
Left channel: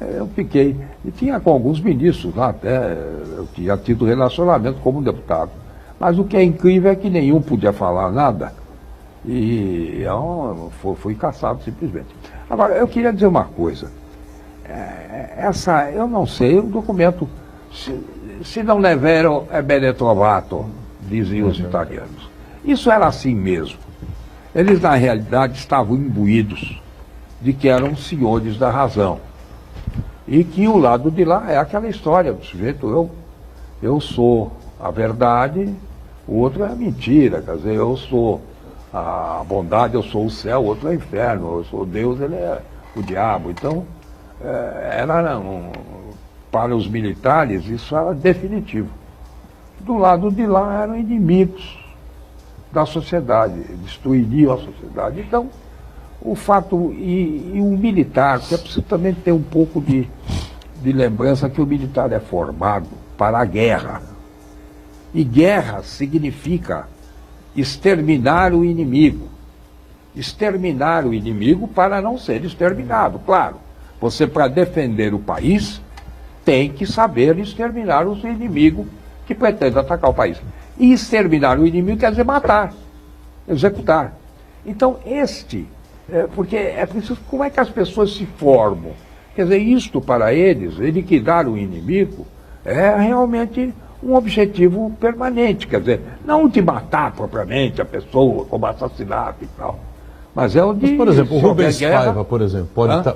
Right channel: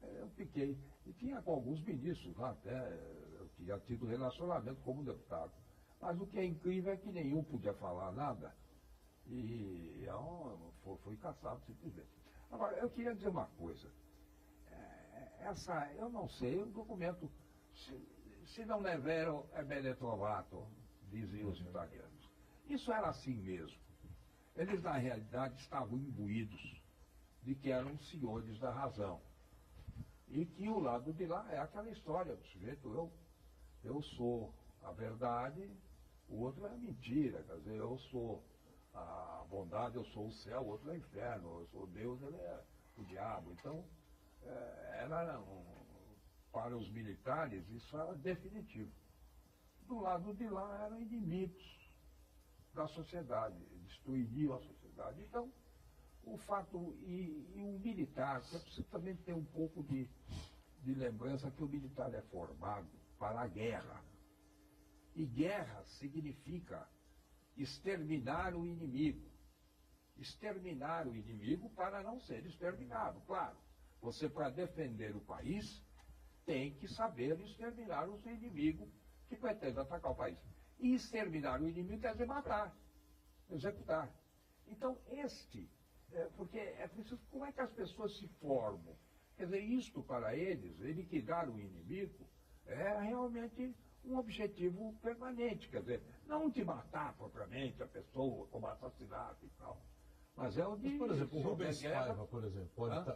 eu fiquei. E tinha com alguns ministros lá até, eu tinha tido relacionamento como deputado. Mas o que é incrível é que nenhum podia falar nada e eu fui caçado simplesmente. Agora, eu queria dizer uma coisa. Eu não sei, o documento, se não é vero, é bene trovato, diziam os italianos. Isso era assim mesmo. Eles, na realidade, estavam imbuídos de que eram senhores da razão. E que o lado de lá é aquela história do sujeito, eu sou a verdade, o outro é a mentira. Quer dizer, eu sou a bondade, eu sou o céu, o outro é o inferno, eu sou Deus, ele é o diabo. Então, para os militares, isso era definitivo. Do lado de lá eram inimigos da sociedade, destruiriam a sociedade. Então, o fato, e o militar, que é preciso também ter um pouco de lembrança que o militar é formado para a guerra. E guerra significa exterminar o inimigo. Exterminar o inimigo para não ser exterminado, claro. Você, para defender o país, tem que saber exterminar os inimigos que pretendem atacar o país. E exterminar o inimigo quer dizer matar, executar. Então, porque é preciso, como é que as pessoas se formam? Quer dizer, isto para eles, liquidar o inimigo, é realmente um objetivo permanente. Quer dizer, não de matar propriamente a pessoa como assassinato e tal. Mas é o de... Mas, por exemplo, o Rubens Paiva, por exemplo,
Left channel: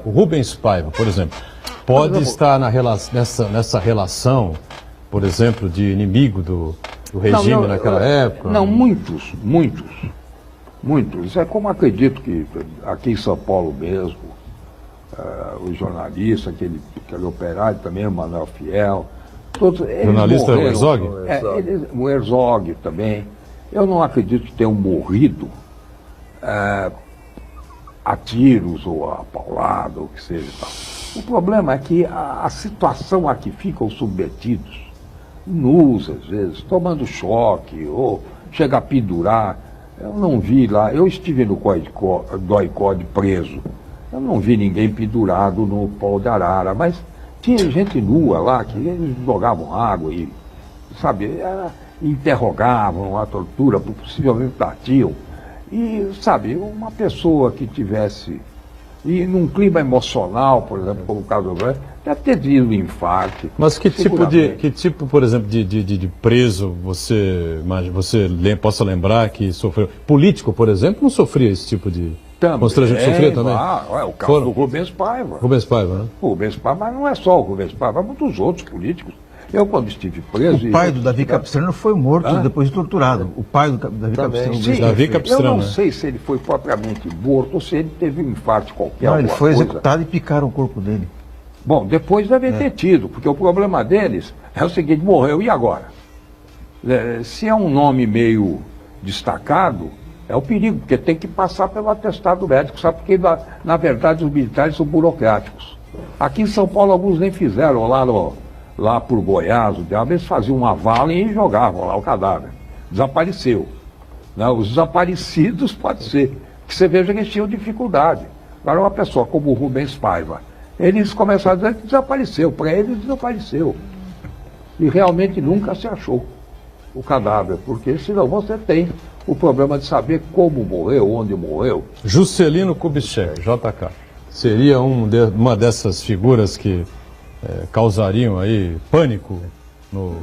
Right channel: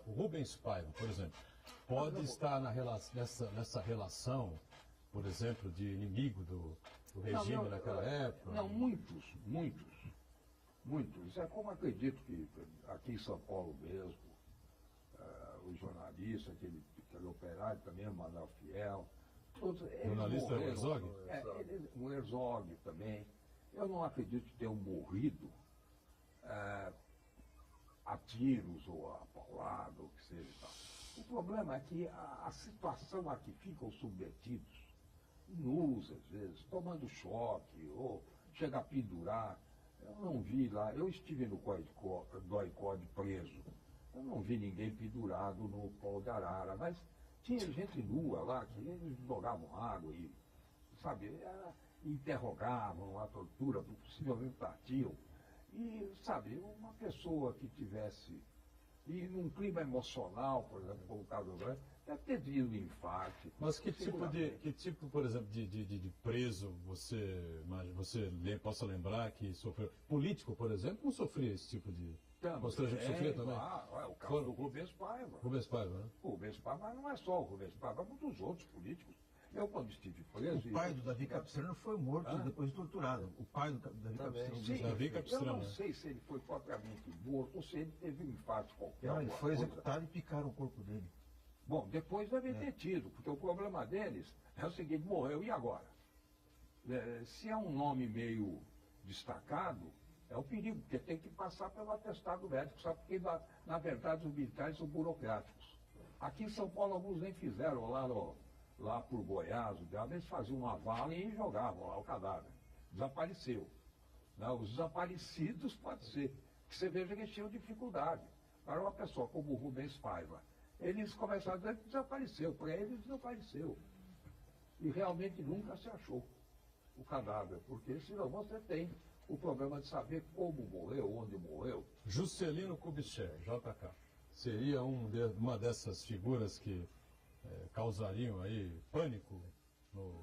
o Rubens Paiva, por exemplo, pode estar nessa relação, por exemplo, de inimigo do regime naquela época? Não, muitos. É como acredito que aqui em São Paulo mesmo, o jornalista, aquele operário também, o Manuel Fiel, todos eles jornalista morreram. Herzog? O Herzog também. Eu não acredito que tenham morrido a tiros ou a paulada, ou o que seja. Tal. O problema é que a situação a que ficam submetidos, nus às vezes, tomando choque, ou chega a pendurar. Eu não vi lá, eu estive no DOI-CODE preso, eu não vi ninguém pendurado no pau de arara, mas tinha gente nua lá, que eles jogavam água e, sabe, interrogavam, a tortura, possivelmente batiam. E, sabe, uma pessoa que tivesse, e num clima emocional, por exemplo, como o caso do Brasil, deve ter tido um infarto. Mas que tipo, por exemplo, de preso você possa lembrar que sofreu? Político, por exemplo, não sofria esse tipo de Também, sofreu também? O caso do Rubens Paiva. Rubens Paiva, né? O Rubens Paiva, mas não é só o Rubens Paiva, há muitos outros políticos. Eu, quando estive preso... O pai do Davi Capistrano foi morto depois de torturado. O pai do Davi Capistrano. Sim, Davi Capistrano, eu não né? sei se ele foi propriamente morto ou se ele teve um infarto qualquer. Não, ele foi coisa. executado e picaram o corpo dele. Bom, depois deve ter tido, porque o problema deles é o seguinte, morreu, e agora? Se é um nome meio destacado, é o perigo, porque tem que passar pelo atestado médico, sabe? Porque, na verdade, os militares são burocráticos. Aqui em São Paulo, alguns nem fizeram, lá por Goiás, eles faziam uma vala e jogavam lá o cadáver. Desapareceu. Não, os desaparecidos, pode ser, que você veja que eles tinham dificuldade. Agora, uma pessoa como o Rubens Paiva, eles começaram a dizer que desapareceu, para eles desapareceu. E realmente nunca se achou o cadáver, porque senão você tem o problema de saber como morreu, onde morreu. Juscelino Kubitschek, JK, seria uma dessas figuras que causariam aí pânico no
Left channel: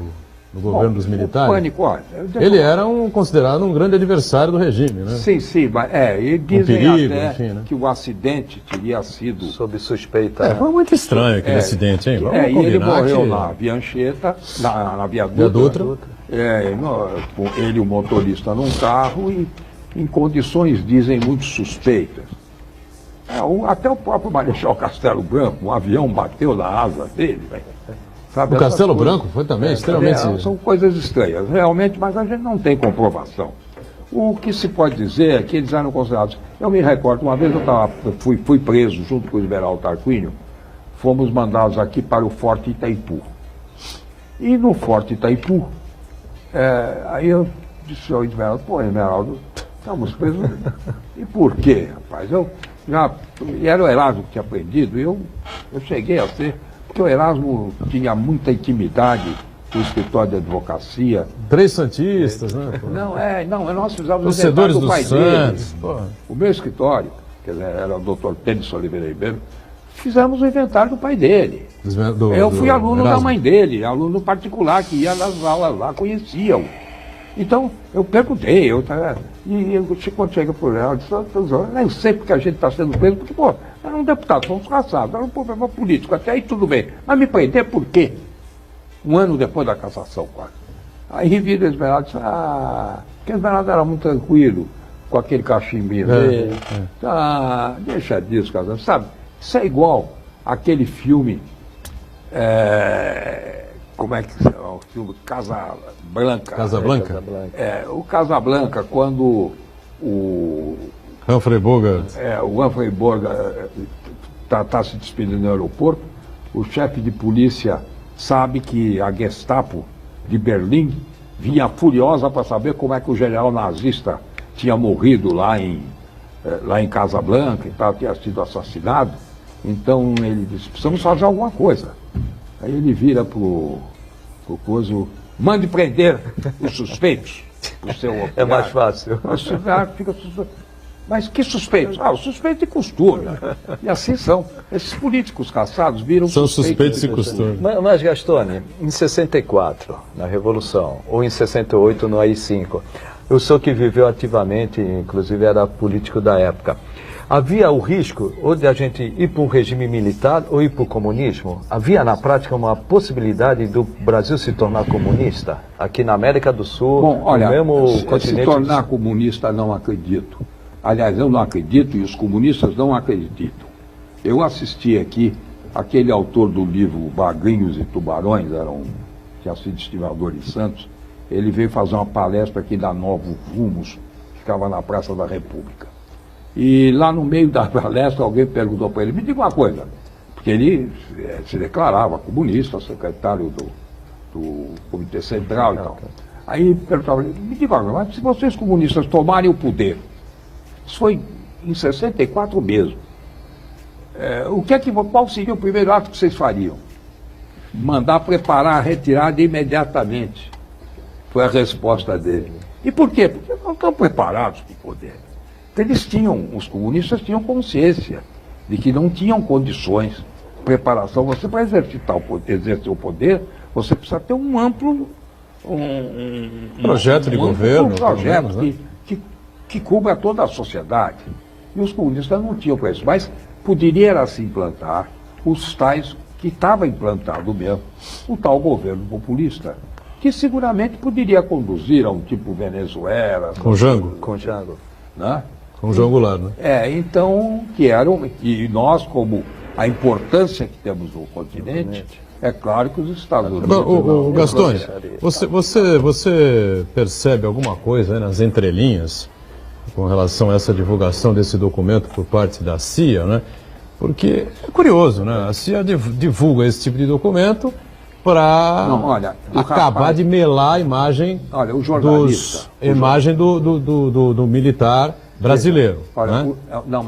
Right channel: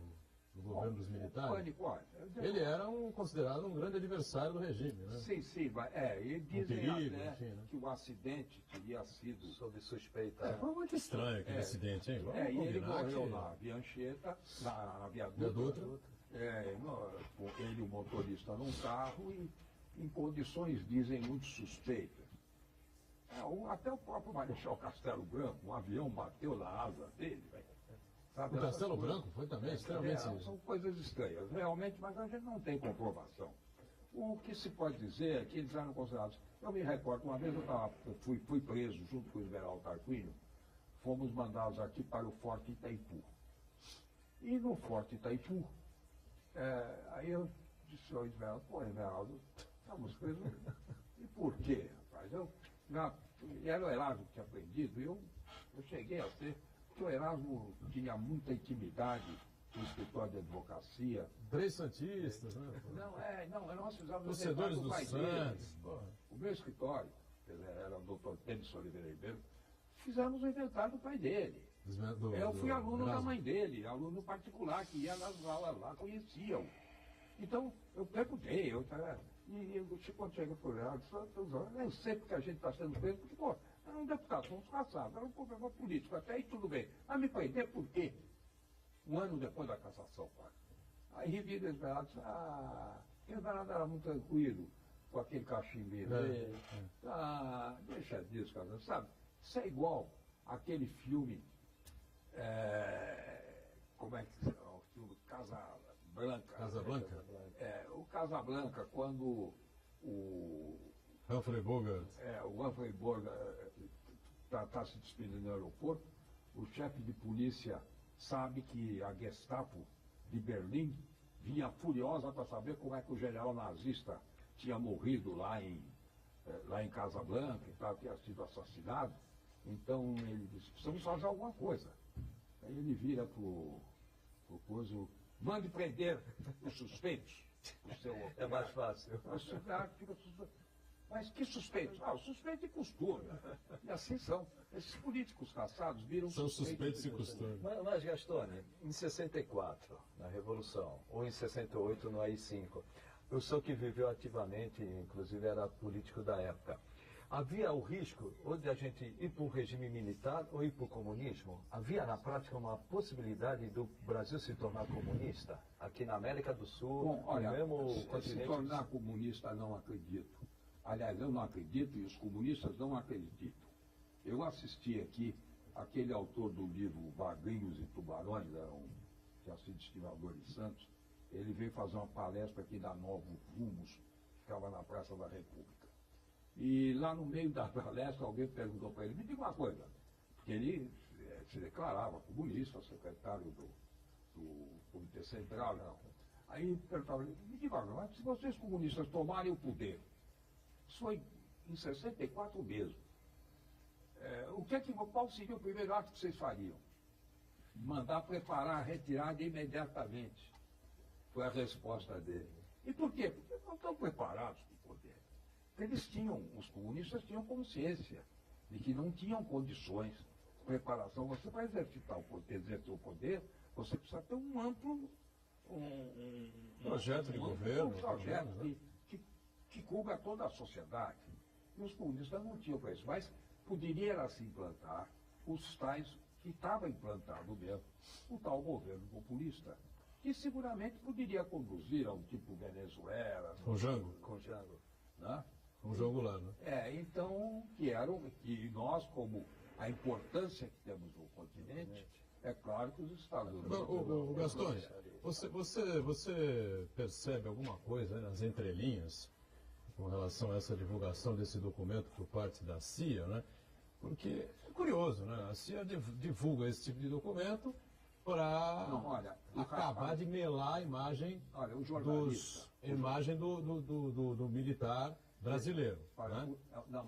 governo dos militares? Pânico, olha, ele era considerado um grande adversário do regime, né? Sim, mas e dizem perigo, até enfim, né? que o acidente teria sido... Sob suspeita. Foi muito estranho aquele acidente, hein? Vamos e ele combinar morreu que... na Viancheta, na Via Via Dutra. Dutra. Ele e o motorista num carro e em condições, dizem, muito suspeitas. Até o próprio Marechal Castelo Branco, um avião bateu na asa dele. Sabe, o Castelo Branco foi também extremamente... São coisas estranhas, realmente, mas a gente não tem comprovação. O que se pode dizer é que eles eram considerados... Eu me recordo, uma vez eu fui preso junto com o Esmeraldo Tarquínio, fomos mandados aqui para o Forte Itaipu. E no Forte Itaipu, aí eu disse ao Esmeraldo, Esmeraldo, estamos presos. E por quê, rapaz? E era o Erasmo que tinha aprendido, e eu cheguei a ser, porque o Erasmo tinha muita intimidade com o escritório de advocacia. 3 santistas, né? Nós fizemos torcedores do do pai Santos. dele. O meu escritório, que era o Dr. Tênis Oliveira Ribeiro, fizemos o inventário do pai dele. Eu fui aluno da mãe dele, aluno particular, que ia nas aulas lá, conheciam. Então, eu perguntei, quando chega por ela, eu disse, eu nem sei porque a gente está sendo preso, porque, era um deputado, fomos caçados, era um problema político, até aí tudo bem. Mas me prender por quê? Um ano depois da cassação, quase. Aí vira o Esmeraldo e disse, porque o Esmeraldo era muito tranquilo, com aquele cachimbinho dele. Deixa disso, casal, sabe? Isso é igual aquele filme, como é que se chama? O filme Casablanca. Casablanca? O Casablanca, quando o Humphrey Bogart. O Humphrey Bogart está se despedindo no aeroporto, o chefe de polícia sabe que a Gestapo de Berlim vinha furiosa para saber como é que o general nazista tinha morrido lá em Casablanca e tal, tinha sido assassinado. Então ele disse, precisamos fazer alguma coisa. Aí ele vira pro coisa, mande prender os suspeitos. O seu operário. É mais fácil. Mas que suspeitos? Os suspeitos de costume. E assim são. Esses políticos caçados viram são suspeitos de costume. Mas, Gastone, em 64, na Revolução, ou em 68, no AI-5, eu sou que viveu ativamente, inclusive era político da época. Havia o risco ou de a gente ir para um regime militar ou ir para o comunismo? Havia, na prática, uma possibilidade do Brasil se tornar comunista? Aqui na América do Sul, no mesmo continente... Se tornar comunista, não acredito. Aliás, eu não acredito e os comunistas não acreditam. Eu assisti aqui, aquele autor do livro Bagrinhos e Tubarões, tinha sido estimador de Santos, ele veio fazer uma palestra aqui da Novo Rumos, que ficava na Praça da República. E lá no meio da palestra, alguém perguntou para ele, me diga uma coisa, porque ele se declarava comunista, secretário do Comitê Central e tal. Aí perguntava, me diga uma coisa, mas se vocês comunistas tomarem o poder, isso foi em 64 mesmo, qual seria o primeiro ato que vocês fariam? Mandar preparar a retirada imediatamente. Foi a resposta dele. E por quê? Porque não estão preparados para o poder. Os comunistas tinham consciência de que não tinham condições de preparação. Você, para exercer o poder, você precisa ter um amplo projeto de governo, projeto que cubra toda a sociedade. E os comunistas não tinham para isso. Mas poderia se implantar os tais que estava implantado mesmo, o tal governo populista, que seguramente poderia conduzir a um tipo Venezuela. Com Jango. Com Jango. Né? Com João Goulart, né? Então, que eram, e nós, como a importância que temos no continente, é claro que os Estados Unidos... O Gastone, você percebe alguma coisa, né, nas entrelinhas com relação a essa divulgação desse documento por parte da CIA, né? Porque é curioso, né? A CIA divulga esse tipo de documento para acabar de melar a imagem, o jornalista, do militar brasileiro. Né?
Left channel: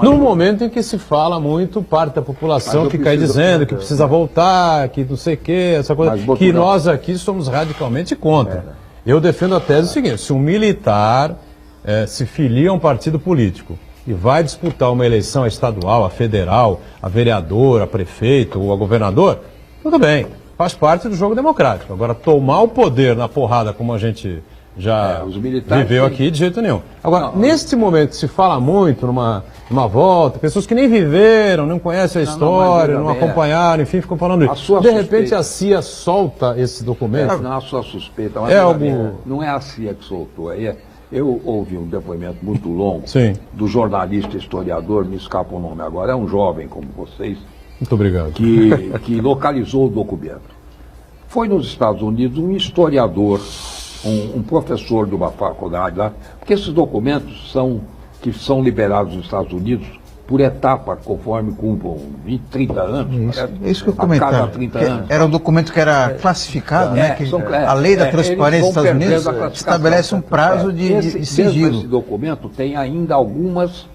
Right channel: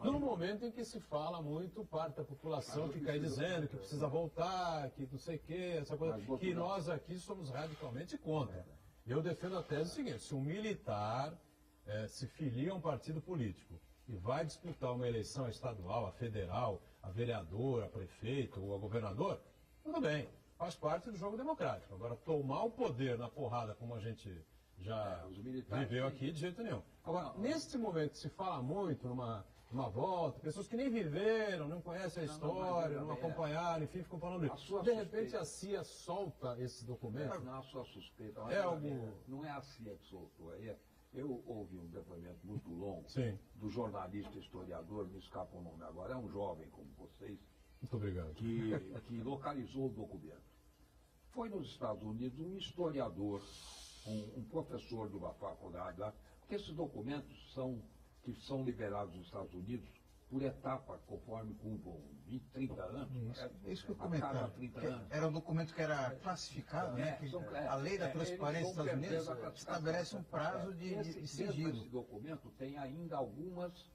No momento em que se fala muito, parte da população fica aí dizendo que precisa voltar, que não sei o quê, essa coisa, que nós aqui somos radicalmente contra. Eu defendo a tese seguinte: se um militar se filia a um partido político e vai disputar uma eleição estadual, a federal, a vereador, a prefeito ou a governador, tudo bem, faz parte do jogo democrático. Agora, tomar o poder na porrada, como a gente já viveu aqui, de jeito nenhum. Agora, neste momento se fala muito numa volta, pessoas que nem viveram, não conhecem a história, não acompanharam, enfim, ficam falando isso. De repente a CIA solta esse documento. Não, a sua suspeita, mas não é a CIA que soltou. Eu ouvi um depoimento muito longo do jornalista historiador, me escapa o nome agora, é um jovem como vocês. Muito obrigado. Que localizou o documento. Foi nos Estados Unidos um historiador, um professor de uma faculdade lá, porque esses documentos que são liberados nos Estados Unidos por etapa, conforme cumpram 20, 30 anos. Isso que eu comentava. Cada 30 anos. Era um documento que era classificado, né? A lei da transparência dos Estados Unidos estabelece um prazo de sigilo. Esse documento tem ainda algumas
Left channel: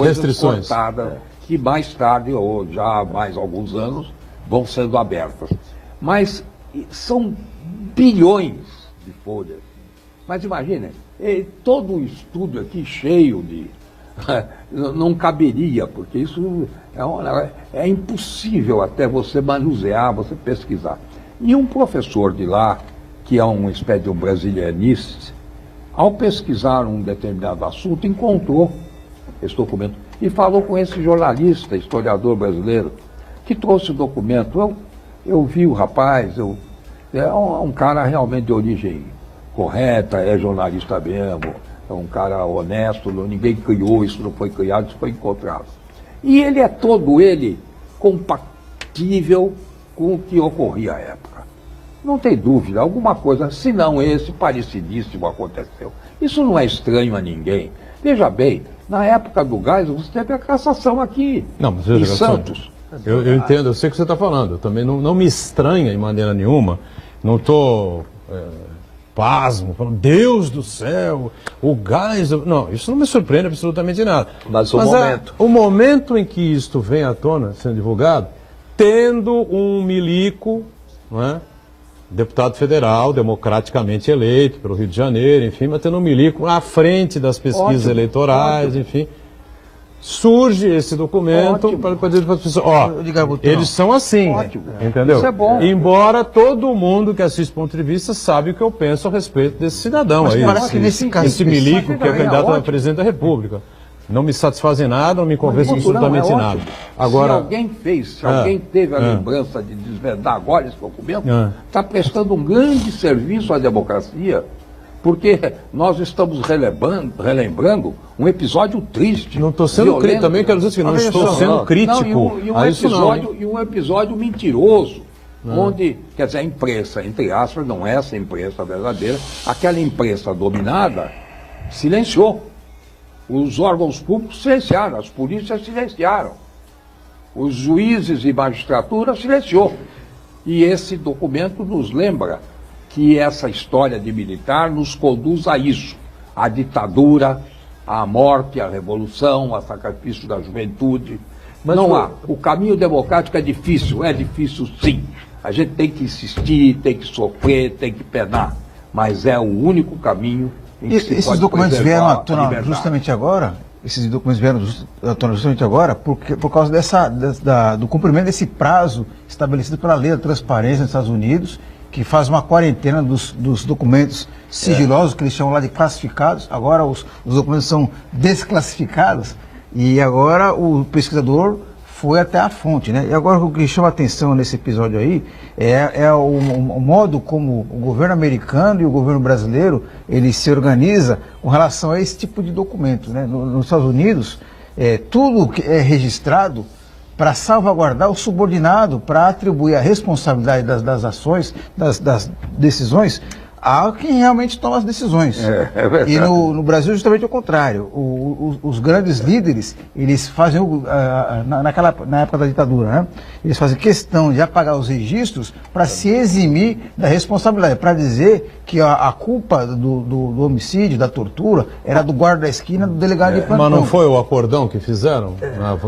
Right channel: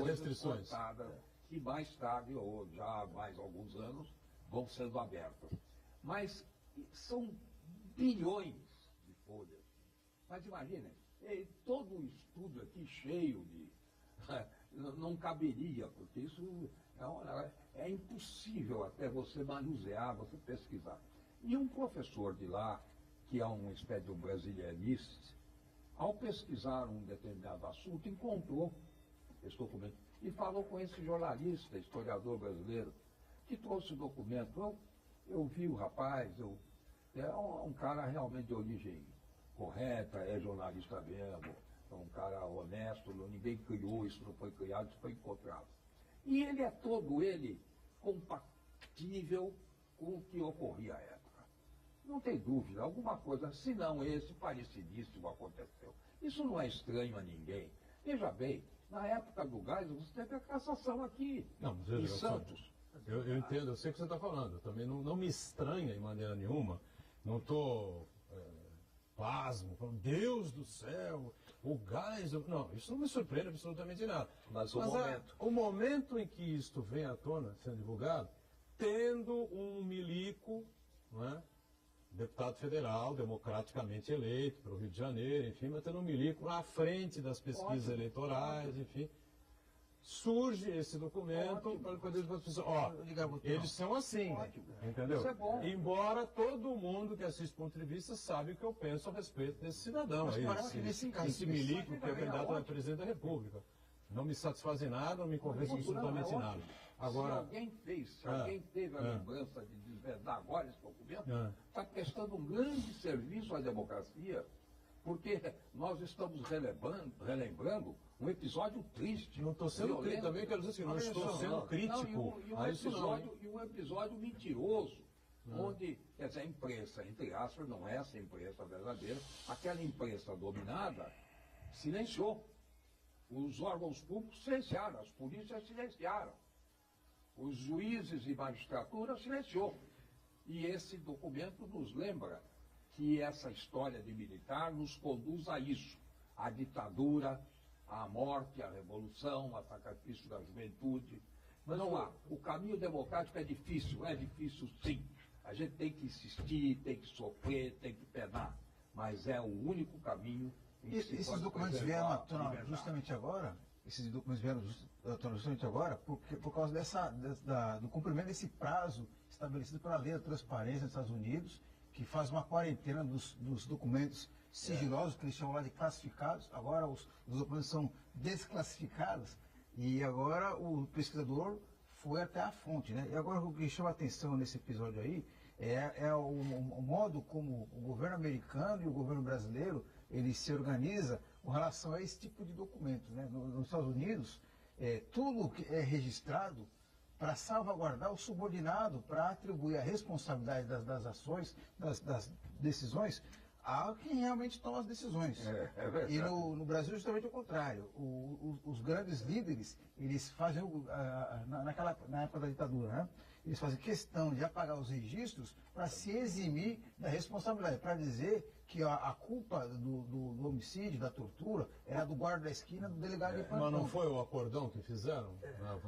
restrições cortadas, que mais tarde, ou já há mais alguns anos, vão sendo abertas. Mas são bilhões de folhas. Mas imaginem, todo o estudo aqui cheio de... não caberia, porque isso é impossível até você manusear, você pesquisar. E um professor de lá, que é uma espécie de um brasilianista, ao pesquisar um determinado assunto, encontrou esse documento e falou com esse jornalista, historiador brasileiro, que trouxe o documento. Eu vi o rapaz, é um cara realmente de origem correta, é jornalista mesmo, é um cara honesto, ninguém criou, isso não foi criado, isso foi encontrado. E ele é todo ele compatível com o que ocorria à época. Não tem dúvida, alguma coisa, se não esse, parecidíssimo aconteceu. Isso não é estranho a ninguém. Veja bem, na época do Geisel, você teve a cassação aqui, em Santos. Eu entendo, eu sei o que você está falando. Eu também não me estranha de maneira nenhuma. Não estou pasmo, falando, Deus do céu, o Geisel. Não, isso não me surpreende absolutamente nada. Mas o momento em que isto vem à tona, sendo divulgado, tendo um milico, não é? Deputado federal, democraticamente eleito pelo Rio de Janeiro, enfim, mas tendo um milico à frente das pesquisas eleitorais, enfim. Surge esse documento para dizer para as pessoas, eles são assim, entendeu? Isso é bom. Embora todo mundo que assiste ponto de vista sabe o que eu penso a respeito desse cidadão aí, esse milico que é candidato a presidente da República. Não me satisfaz em nada, não me convence absolutamente nada. Agora, se alguém teve a lembrança de desvendar agora esse documento, está prestando um grande serviço à democracia, porque nós estamos relembrando um episódio triste. Não estou sendo crítico, também quero dizer que não estou sendo crítico a isso não. E um episódio mentiroso, onde, quer dizer, a imprensa, entre aspas, não é essa imprensa verdadeira, aquela imprensa dominada silenciou. Os órgãos públicos silenciaram, as polícias silenciaram, os juízes e magistratura silenciou. E esse documento nos lembra que essa história de militar nos conduz a isso, à ditadura, à morte, à revolução, ao sacrifício da juventude. Mas não há. O caminho democrático é difícil sim. A gente tem que insistir, tem que sofrer, tem que penar, mas é o único caminho. Esses documentos vieram à tona justamente agora? Esses documentos vieram à tona justamente agora por causa do cumprimento desse prazo estabelecido pela lei da transparência nos Estados Unidos, que faz uma quarentena dos documentos sigilosos, que eles chamam lá de classificados. Agora os documentos são desclassificados e agora o pesquisador foi até a fonte, né? E agora o que chama atenção nesse episódio aí é o modo como o governo americano e o governo brasileiro ele se organiza com relação a esse tipo de documento, né? Nos Estados Unidos, tudo que é registrado para salvaguardar o subordinado, para atribuir a responsabilidade das ações, das decisões, a quem realmente toma as decisões. É verdade. E no Brasil, justamente o contrário. Os grandes líderes, eles fazem, na época da ditadura, né? Eles fazem questão de apagar os registros para se eximir da responsabilidade, para dizer que a culpa do homicídio, da tortura, era do guarda da esquina, do delegado de plantão. Mas não foi o acordão que fizeram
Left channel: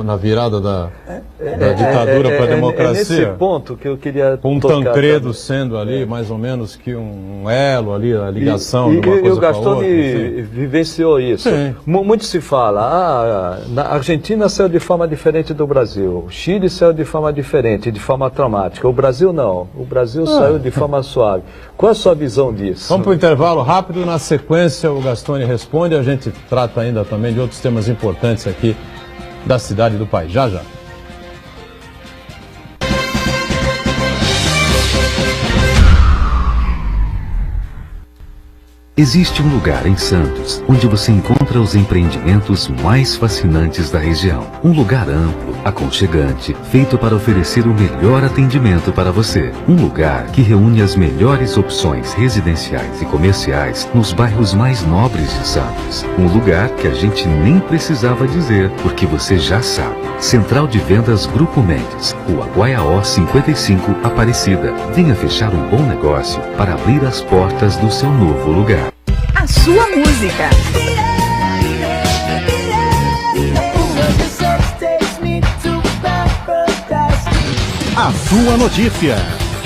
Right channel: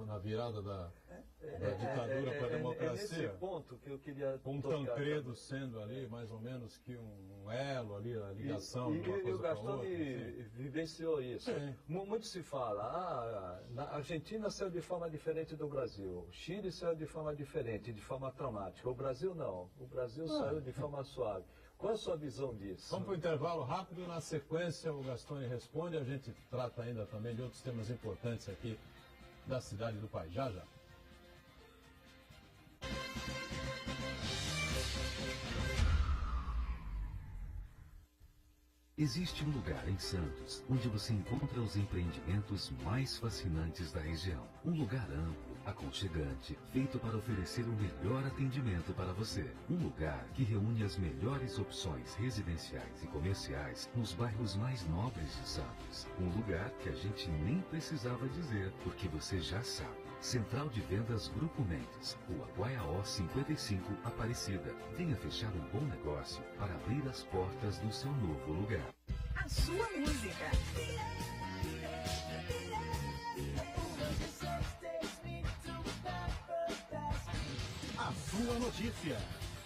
na virada da ditadura para a democracia? É nesse ponto que eu queria Com um Tancredo também sendo ali, mais ou menos que um elo ali, a ligação de uma coisa e o com a outra. Gastone vivenciou isso. Sim. Muito se fala, a Argentina saiu de forma diferente do Brasil, o Chile saiu de forma diferente, de forma traumática. O Brasil não, o Brasil saiu de forma suave. Qual é a sua visão disso? Vamos para o intervalo rápido, na sequência o Gastone responde, a gente trata ainda também de outros temas importantes aqui da cidade e do país. Já, já. Existe um lugar em Santos onde você encontra os empreendimentos mais fascinantes da região. Um lugar amplo, aconchegante, feito para oferecer o melhor atendimento para você. Um lugar que reúne as melhores opções residenciais e comerciais nos bairros mais nobres de Santos. Um lugar que a gente nem precisava dizer, porque você já sabe. Central de Vendas Grupo Mendes, Rua Guaiaó 55, Aparecida. Venha fechar um bom negócio para abrir as portas do seu novo lugar. A sua música. A sua notícia.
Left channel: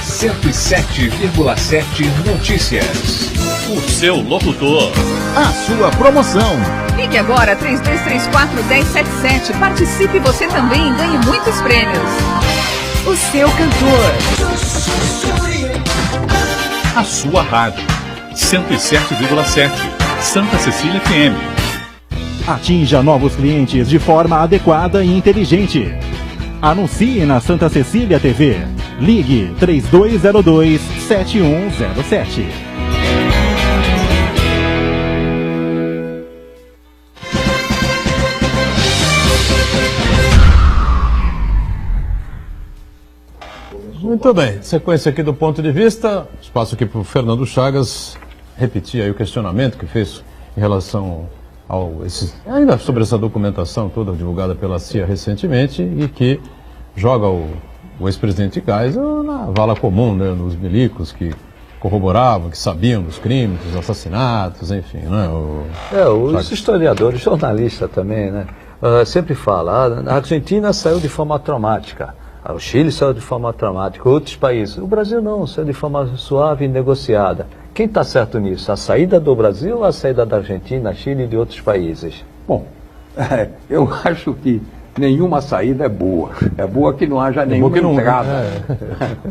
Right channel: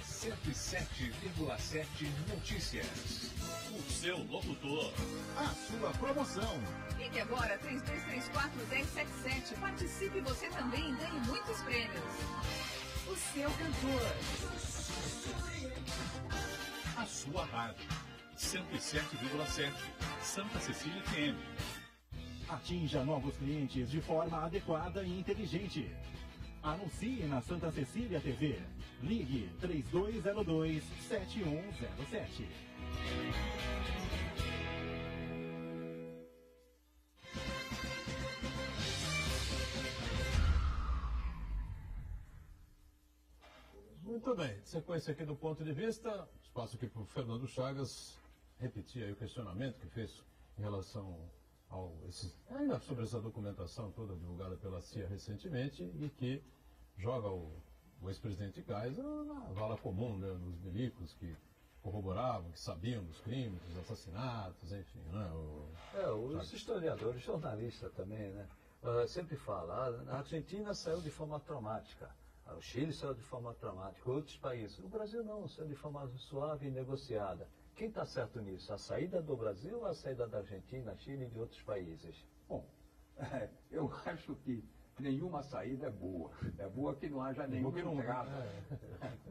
107,7 Notícias. O seu locutor. A sua promoção. Ligue agora 3234-1077. Participe você também e ganhe muitos prêmios. O seu cantor. A sua rádio. 107,7 Santa Cecília FM. Atinja novos clientes de forma adequada e inteligente. Anuncie na Santa Cecília TV. Ligue 3202-7107. Muito bem, sequência aqui do ponto de vista, espaço aqui para o Fernando Chagas repetir aí o questionamento que fez em relação ainda sobre essa documentação toda divulgada pela CIA recentemente e que joga o ex-presidente Geisel na vala comum, né, nos milicos que corroboravam, que sabiam dos crimes, dos assassinatos, enfim, né? Os historiadores, jornalistas também, né, sempre falam, a Argentina saiu de forma traumática. O Chile saiu de forma traumática, outros países. O Brasil não, saiu de forma suave e negociada. Quem está certo nisso? A saída do Brasil ou a saída da Argentina, Chile e de outros países? Bom, eu acho que nenhuma saída é boa. É boa que não haja nenhuma entrada.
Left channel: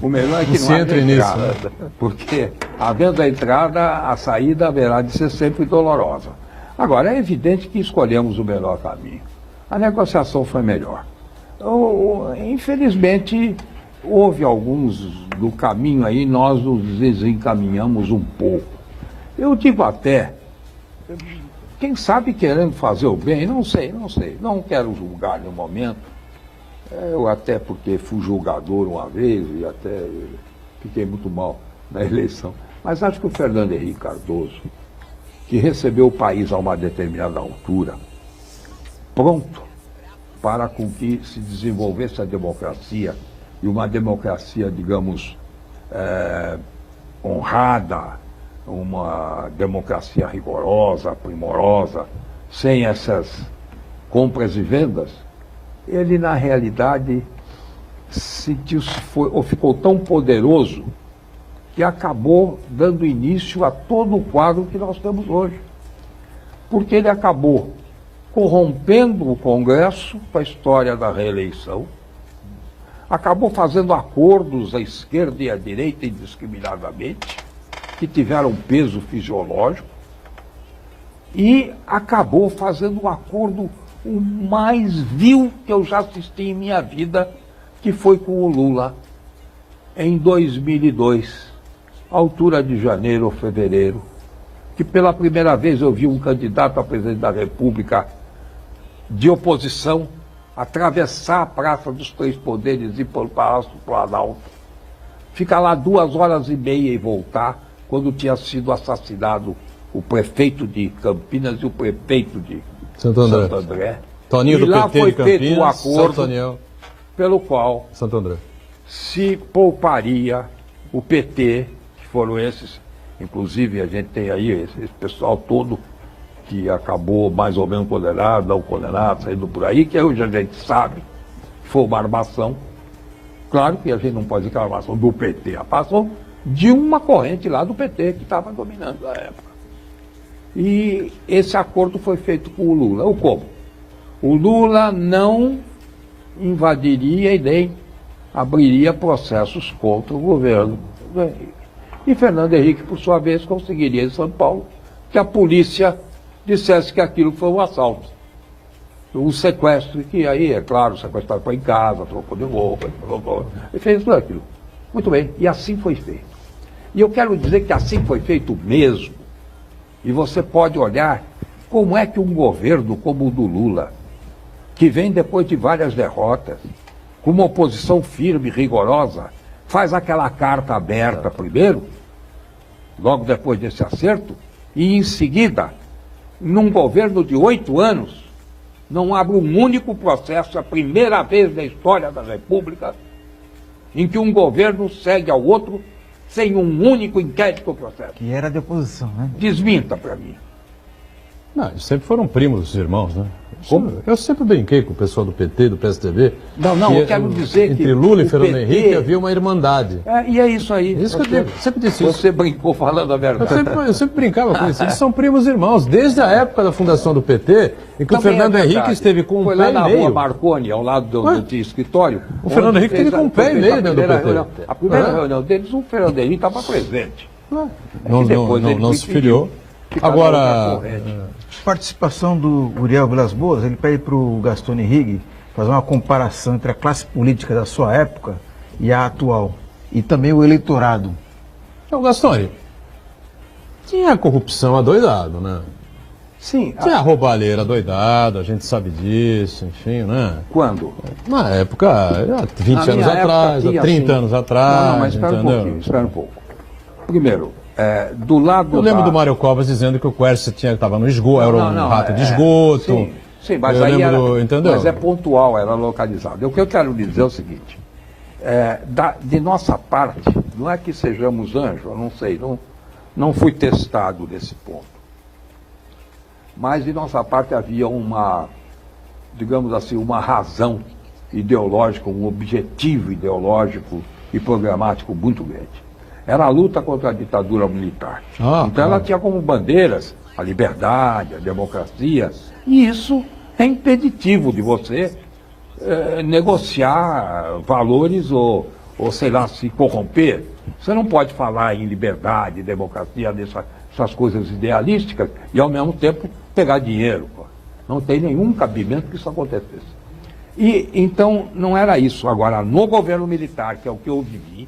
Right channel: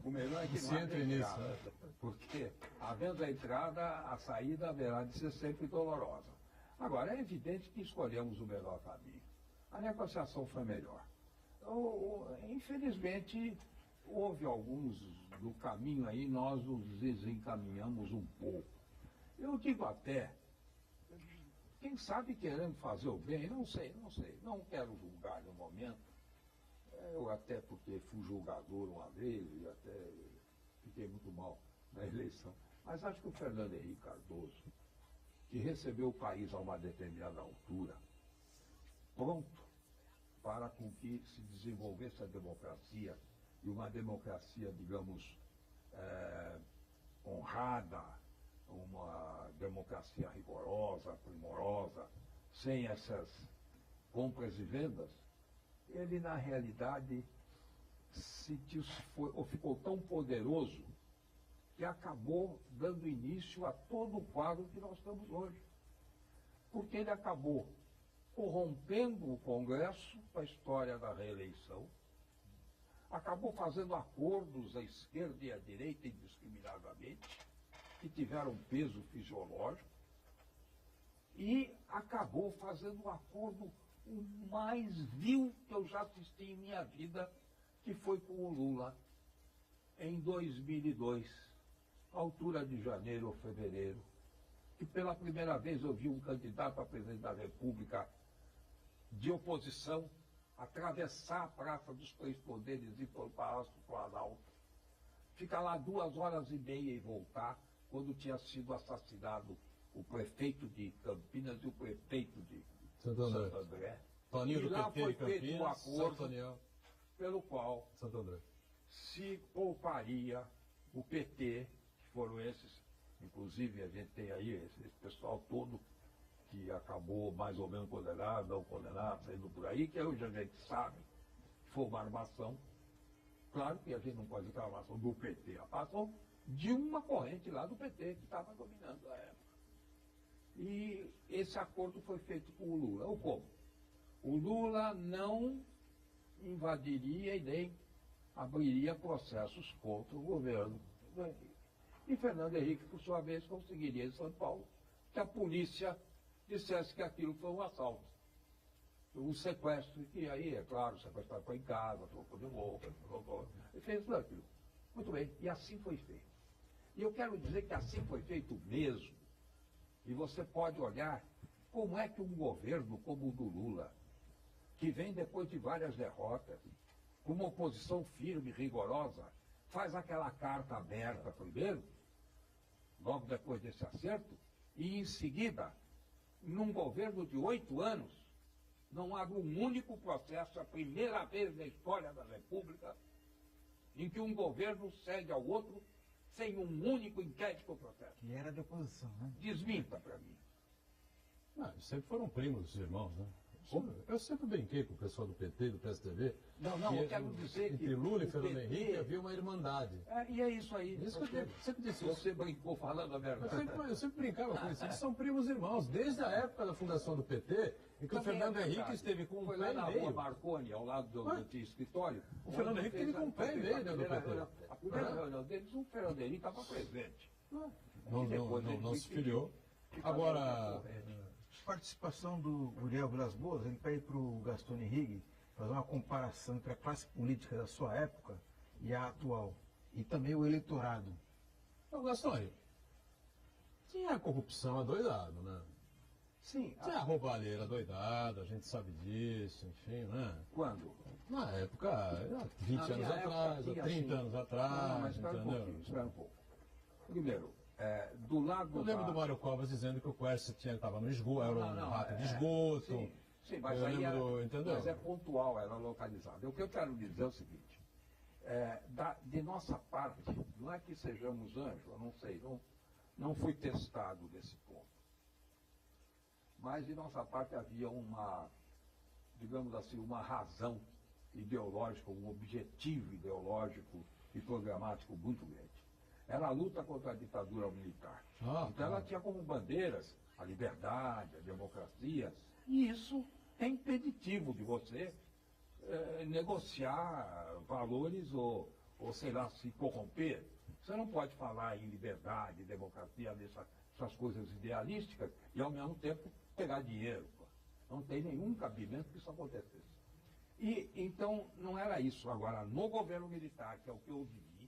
O melhor é que não haja entrada. Nisso, né? Porque, havendo a entrada, a saída haverá de ser sempre dolorosa. Agora, é evidente que escolhemos o melhor caminho. A negociação foi melhor. Infelizmente, houve alguns do caminho aí, nós nos desencaminhamos um pouco. Eu digo até, quem sabe querendo fazer o bem, não sei, não quero julgar no momento. Eu até porque fui julgador uma vez e até fiquei muito mal na eleição. Mas acho que o Fernando Henrique Cardoso, que recebeu o país a uma determinada altura, pronto para com que se desenvolvesse a democracia, e uma democracia, digamos, honrada, uma democracia rigorosa, primorosa, sem essas compras e vendas, ele, na realidade, ficou tão poderoso que acabou dando início a todo o quadro que nós temos hoje. Porque ele acabou corrompendo o Congresso com a história da reeleição, acabou fazendo acordos à esquerda e à direita indiscriminadamente, que tiveram peso fisiológico, e acabou fazendo um acordo o mais vil que eu já assisti em minha vida, que foi com o Lula, em 2002, altura de janeiro ou fevereiro, que pela primeira vez eu vi um candidato a presidente da República de oposição atravessar a Praça dos Três Poderes e ir para o Palácio do Planalto, ficar lá 2h30 e voltar, quando tinha sido assassinado o prefeito de Campinas e o prefeito de Santo André. Toninho do lá PT foi de Campinas, feito um acordo Santo pelo qual Santo André. se pouparia o PT, que foram esses, inclusive a gente tem aí esse pessoal todo que acabou mais ou menos condenado, não condenado, saindo por aí, que hoje a gente sabe que foi uma armação. Claro que a gente não pode dizer que é uma armação do PT, passou de uma corrente lá do PT que estava dominando na época. E esse acordo foi feito com o Lula. O como? O Lula não invadiria e nem abriria processos contra o governo do Henrique. E Fernando Henrique, por sua vez, conseguiria em São Paulo que a polícia dissesse que aquilo foi um assalto, um sequestro, que aí, é claro, o sequestrado foi em casa, trocou de roupa, e fez tudo aquilo. Muito bem, e assim foi feito. E eu quero dizer que assim foi feito mesmo. E você pode olhar como é que um governo como o do Lula, que vem depois de várias derrotas, com uma oposição firme, rigorosa, faz aquela carta aberta primeiro, logo depois desse acerto, e em seguida, num governo de 8 anos, não abre um único processo, a primeira vez na história da República, em que um governo segue ao outro sem um único inquérito ou processo. Que era de oposição, né? Desminta para mim. Não, eles sempre foram primos irmãos, né? Como? Eu sempre brinquei com o pessoal do PT, do PSDB. Não, eu quero dizer que entre Lula e o Fernando PT Henrique havia uma irmandade. E é isso aí. Isso que eu digo, sempre disse isso. Você brincou falando a verdade. Eu sempre brincava com isso. Eles são primos irmãos, desde a época da fundação do PT, em que o Fernando Henrique esteve com um pé e pé meio. Foi lá na rua Marconi, ao lado do escritório. O Fernando Henrique teve com um pé e meio dentro do PT. A primeira reunião deles, o Fernando Henrique estava presente. Não se filiou. Agora, Participação do Uriel Vilas Boas, ele pede para o Gastone Rigg fazer uma comparação entre a classe política da sua época e a atual, e também o eleitorado. Então, Gastone, tinha corrupção adoidado, né? Sim. Tinha roubalheira adoidada, a gente sabe disso, enfim, né? Quando? Na época, há 20 anos atrás, há 30 anos atrás. Não, mas espera um pouco. Primeiro, do lado. Eu lembro do Mário Covas dizendo que o Quercia estava no esgoto, era um rato de esgoto. Sim, mas eu aí lembro, entendeu? Mas é pontual, era localizado. O que eu quero dizer é o seguinte: de nossa parte, não é que sejamos anjos, eu não sei, não fui testado nesse ponto. Mas de nossa parte havia uma, digamos assim, uma razão ideológica, um objetivo ideológico e programático muito grande. Era a luta contra a ditadura militar. Então ela tinha como bandeiras a liberdade, a democracia, e isso é impeditivo de você negociar valores ou, sei lá, se corromper. Você não pode falar em liberdade, democracia, essas coisas idealísticas e, ao mesmo tempo, pegar dinheiro. Não tem nenhum cabimento que isso acontecesse. E, então, não era isso. Agora, no governo militar, que é o que eu vivi,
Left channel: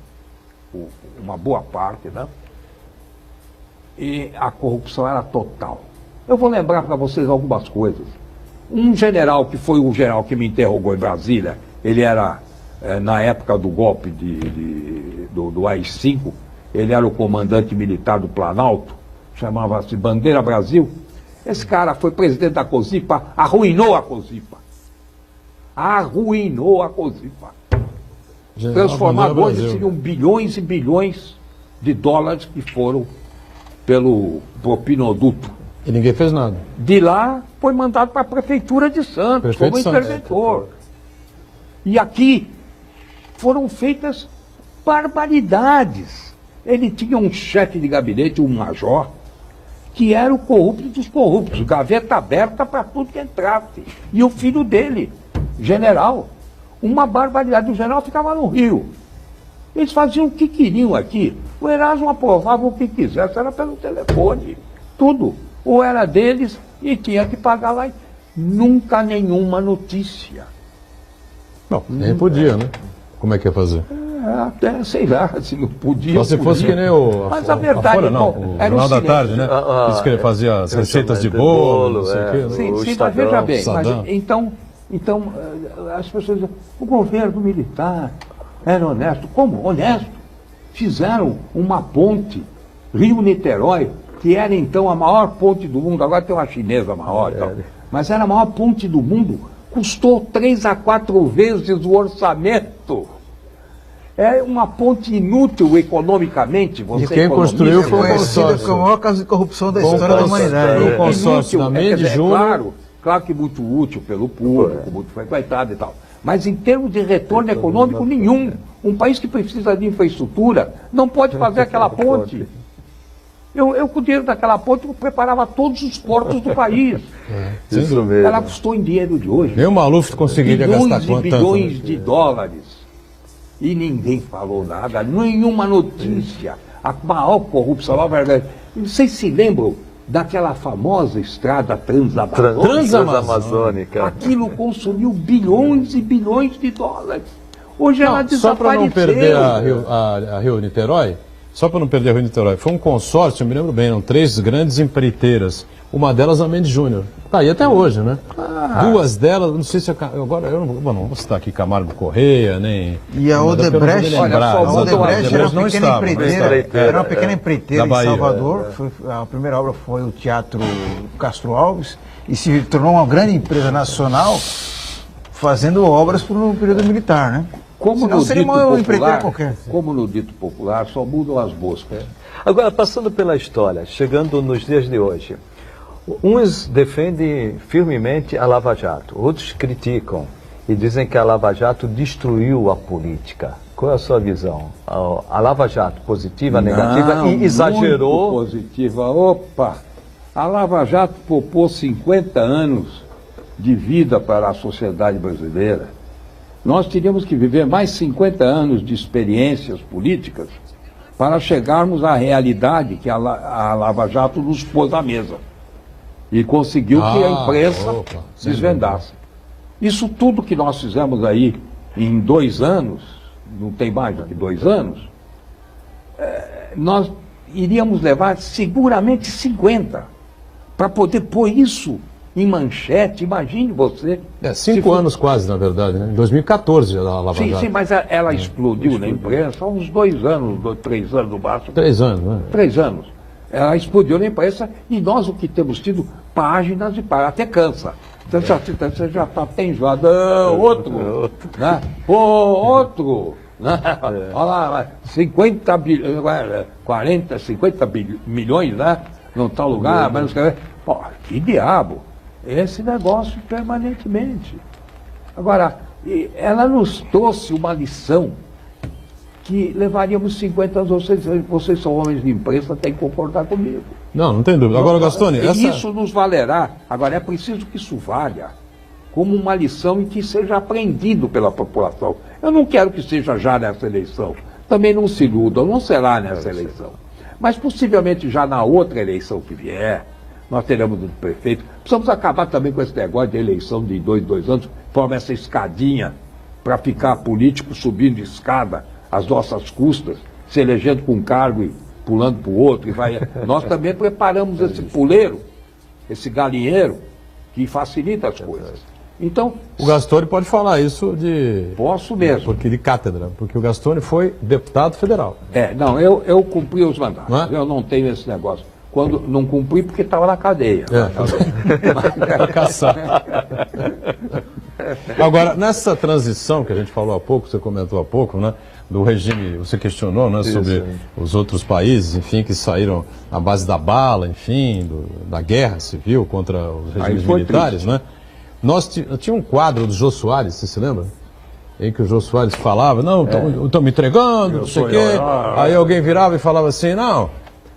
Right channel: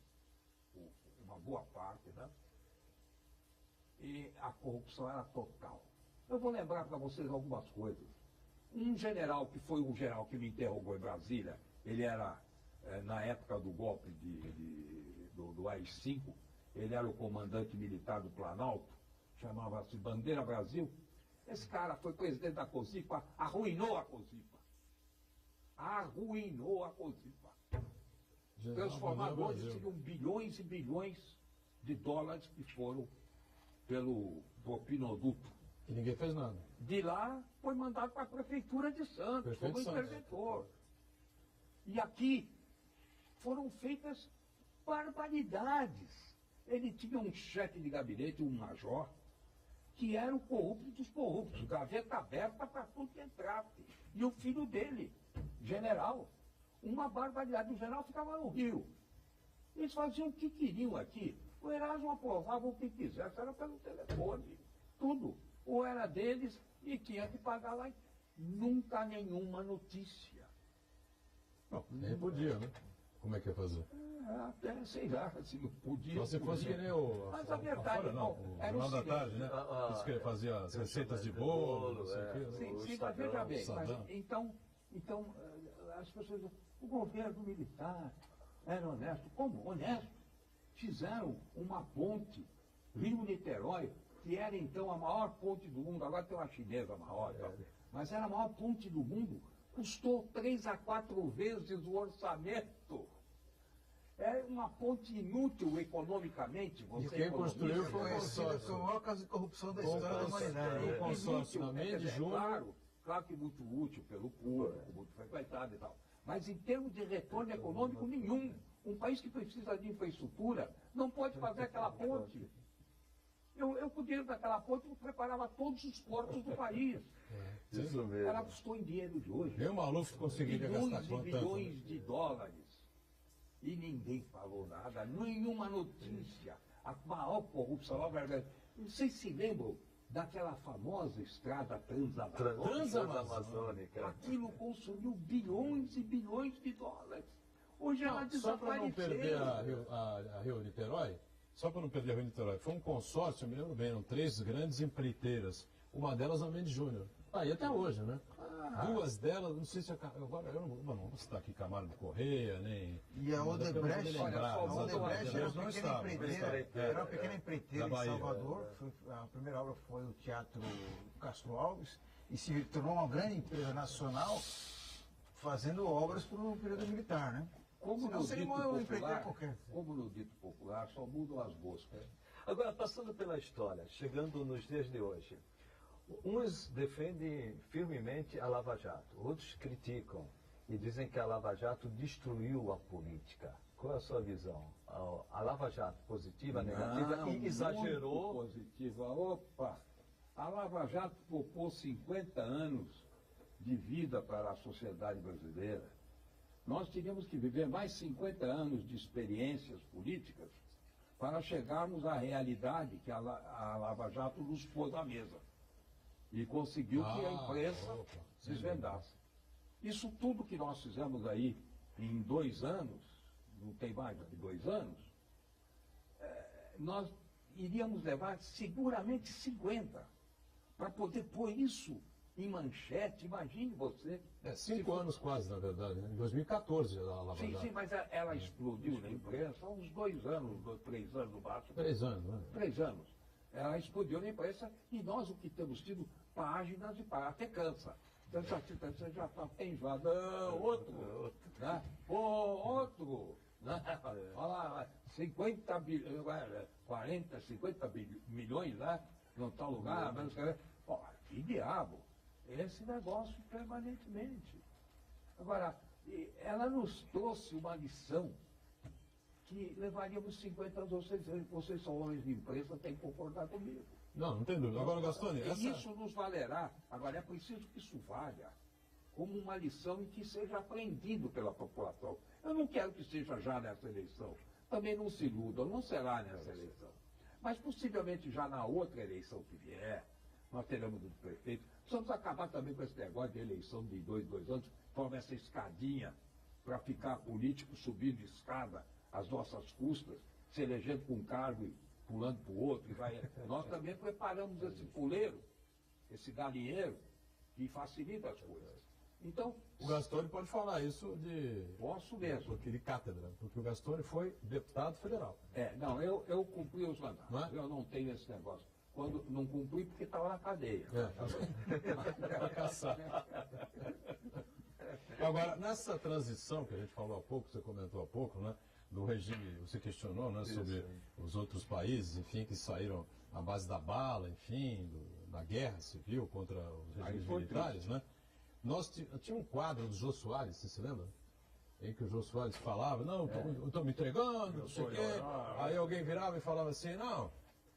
uma boa parte, né? E a corrupção era total. Eu vou lembrar para vocês algumas coisas. Um general, que foi o general que me interrogou em Brasília, ele era, na época do golpe do AI-5, ele era o comandante militar do Planalto, chamava-se Bandeira Brasil. Esse cara foi presidente da COSIPA, arruinou a COSIPA. Arruinou a COSIPA. Transformado hoje seriam bilhões e bilhões de dólares que foram pelo propinoduto. E ninguém fez nada. De lá foi mandado para a Prefeitura de Santos, como interventor. E aqui foram feitas barbaridades. Ele tinha um chefe de gabinete, um major, que era o corrupto dos corruptos, gaveta aberta para tudo que entrasse. E o filho dele, general. uma barbaridade. O general ficava no Rio. Eles faziam o que queriam aqui. O Erasmo aprovava o que quisesse, era pelo telefone. Tudo. Ou era deles e tinha que pagar lá. Nunca nenhuma notícia. Não, nem podia, né? Como é que ia fazer? Até, sei lá, se não podia. Só se fosse que nem o. Mas a verdade Folha, não, bom, o era Jornal um da silêncio. Tarde, né? Diz que ele fazia as receitas de bolo, não sei o quê. Sim, mas Estadão, veja bem, mas, Estadão. então as pessoas dizem, o governo militar era honesto. Como? Honesto. Fizeram uma ponte, Rio-Niterói, que era então a maior ponte do mundo, agora tem uma chinesa maior, então, mas era a maior ponte do mundo, custou 3 a 4 vezes o orçamento. É uma ponte inútil economicamente. Você E quem construiu foi o Conhecido consórcio. como o maior caso de corrupção da Bom história da consórcio. humanidade. É. consórcio da Mendes Júnior. Claro que muito útil pelo público, muito frequentado e tal. Mas em termos de retorno econômico, nenhum. Um país que precisa de infraestrutura não pode fazer aquela ponte. Eu com o dinheiro daquela ponte, eu preparava todos os portos do país. Isso mesmo. Ela custou em dinheiro de hoje. Nem o Maluf conseguiria gastar Bilhões e quanto bilhões tanto, né? de dólares. E ninguém falou nada, nenhuma notícia. A maior corrupção, a verdade. Vocês se lembram daquela famosa estrada Transamazônica. Aquilo consumiu bilhões e bilhões de dólares. Hoje ela Não, só para desapareceu. não perder a Rio-Niterói, só para não perder a Rio-Niterói, foi um consórcio, eu me lembro bem, eram 3 grandes empreiteiras. Uma delas a Mendes Júnior. Tá aí até hoje, né? 2 delas, não sei se agora eu não vou citar aqui Camargo Correia, nem. E a Odebrecht, Olha, a Odebrecht era uma não pequena estava, empreiteira, era uma pequena empreiteira Da em Bahia. Salvador. A primeira obra foi o Teatro Castro Alves e se tornou uma grande empresa nacional fazendo obras no período militar, né? Senão seria uma empreiteira qualquer. Como no dito popular, só mudam as moscas. Agora, passando pela história, chegando nos dias de hoje, uns defendem firmemente a Lava Jato, outros criticam e dizem que a Lava Jato destruiu a política. Qual é a sua visão? A Lava Jato, positiva, negativa, Não, e exagerou? Muito positiva. Opa! A Lava Jato propôs 50 anos de vida para a sociedade brasileira. Nós teríamos que viver mais 50 anos de experiências políticas para chegarmos à realidade que a Lava Jato nos pôs à mesa. E conseguiu que a imprensa desvendasse. Isso tudo que nós fizemos aí em 2 anos, não tem mais do que 2 anos, nós iríamos levar seguramente 50 para poder pôr isso em manchete. Imagine você. 5 anos quase, na verdade, né? Em 2014 já a Lava Jato. Sim, mas ela explodiu na imprensa há uns 2 anos, 3 anos no máximo. 3 anos, né? 3 anos. Ela explodiu na imprensa e nós o que temos tido páginas e páginas, até cansa. Você já está até enjoado. Outro. Né? Outro. Né? Olha lá, 50 milhões, né? Num tal lugar, mas não sei. Pô, que diabo. Esse negócio permanentemente. Agora, ela nos trouxe uma lição que levaríamos 50 anos. Vocês são homens de imprensa, têm que concordar comigo. Não tem dúvida. Agora, Gastone, Isso nos valerá. Agora, é preciso que isso valha como uma lição e que seja aprendido pela população. Eu não quero que seja já nessa eleição. Também não se iludam, não será nessa eleição. Mas possivelmente já na outra eleição que vier, nós teremos um prefeito. Precisamos acabar também com esse negócio de eleição de 2 anos, forma essa escadinha para ficar político subindo escada às nossas custas, se elegendo com um cargo e pulando para o outro. Nós também preparamos esse puleiro, esse galinheiro, que facilita as coisas. Então, o Gastone pode falar isso de... Posso mesmo. Porque de cátedra, porque o Gastone foi deputado federal. Não, eu cumpri os mandatos. Não é? Eu não tenho esse negócio. Quando não cumpri, porque estava na cadeia. Para caçar. Agora, nessa transição que a gente falou há pouco, você comentou há pouco, né? Do regime, você questionou, né, sobre os outros países, enfim, que saíram à base da bala, enfim, da guerra civil contra os regimes militares, né? Tinha um quadro do Jô Soares, você se lembra? Em que o Jô Soares falava, não, estão me entregando, não sei o quê. Aí alguém virava e falava assim, não,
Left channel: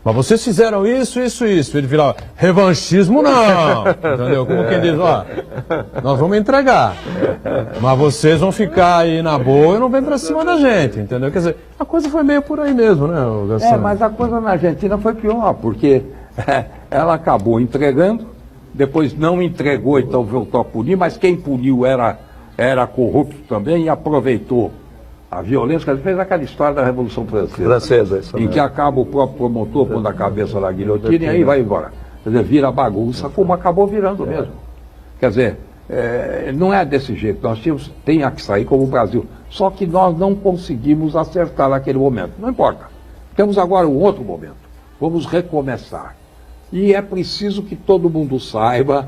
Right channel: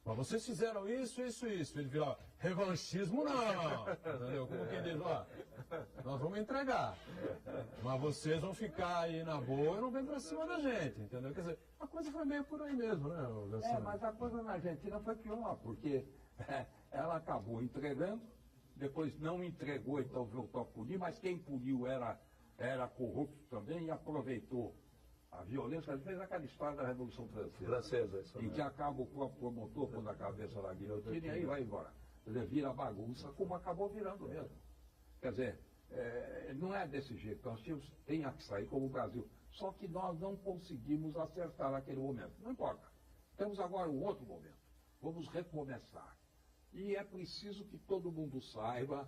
Mas vocês fizeram isso, isso, isso. Ele virava, revanchismo não. Entendeu? Como quem diz, ó, nós vamos entregar. Mas vocês vão ficar aí na boa e não vem pra cima da gente, entendeu? Quer dizer, a coisa foi meio por aí mesmo, né, Gastão? Mas a coisa na Argentina foi pior, porque ela acabou entregando, depois não entregou, então voltou a punir, mas quem puniu era corrupto também e aproveitou a violência, que fez aquela história da Revolução Francesa, isso em mesmo. que acaba o próprio promotor pondo a cabeça na guilhotina e aí vai embora. Quer dizer, vira bagunça, como acabou virando mesmo. Quer dizer, não é desse jeito, nós tem que sair como o Brasil. Só que nós não conseguimos acertar naquele momento. Não importa. Temos agora um outro momento. Vamos recomeçar. E é preciso que todo mundo saiba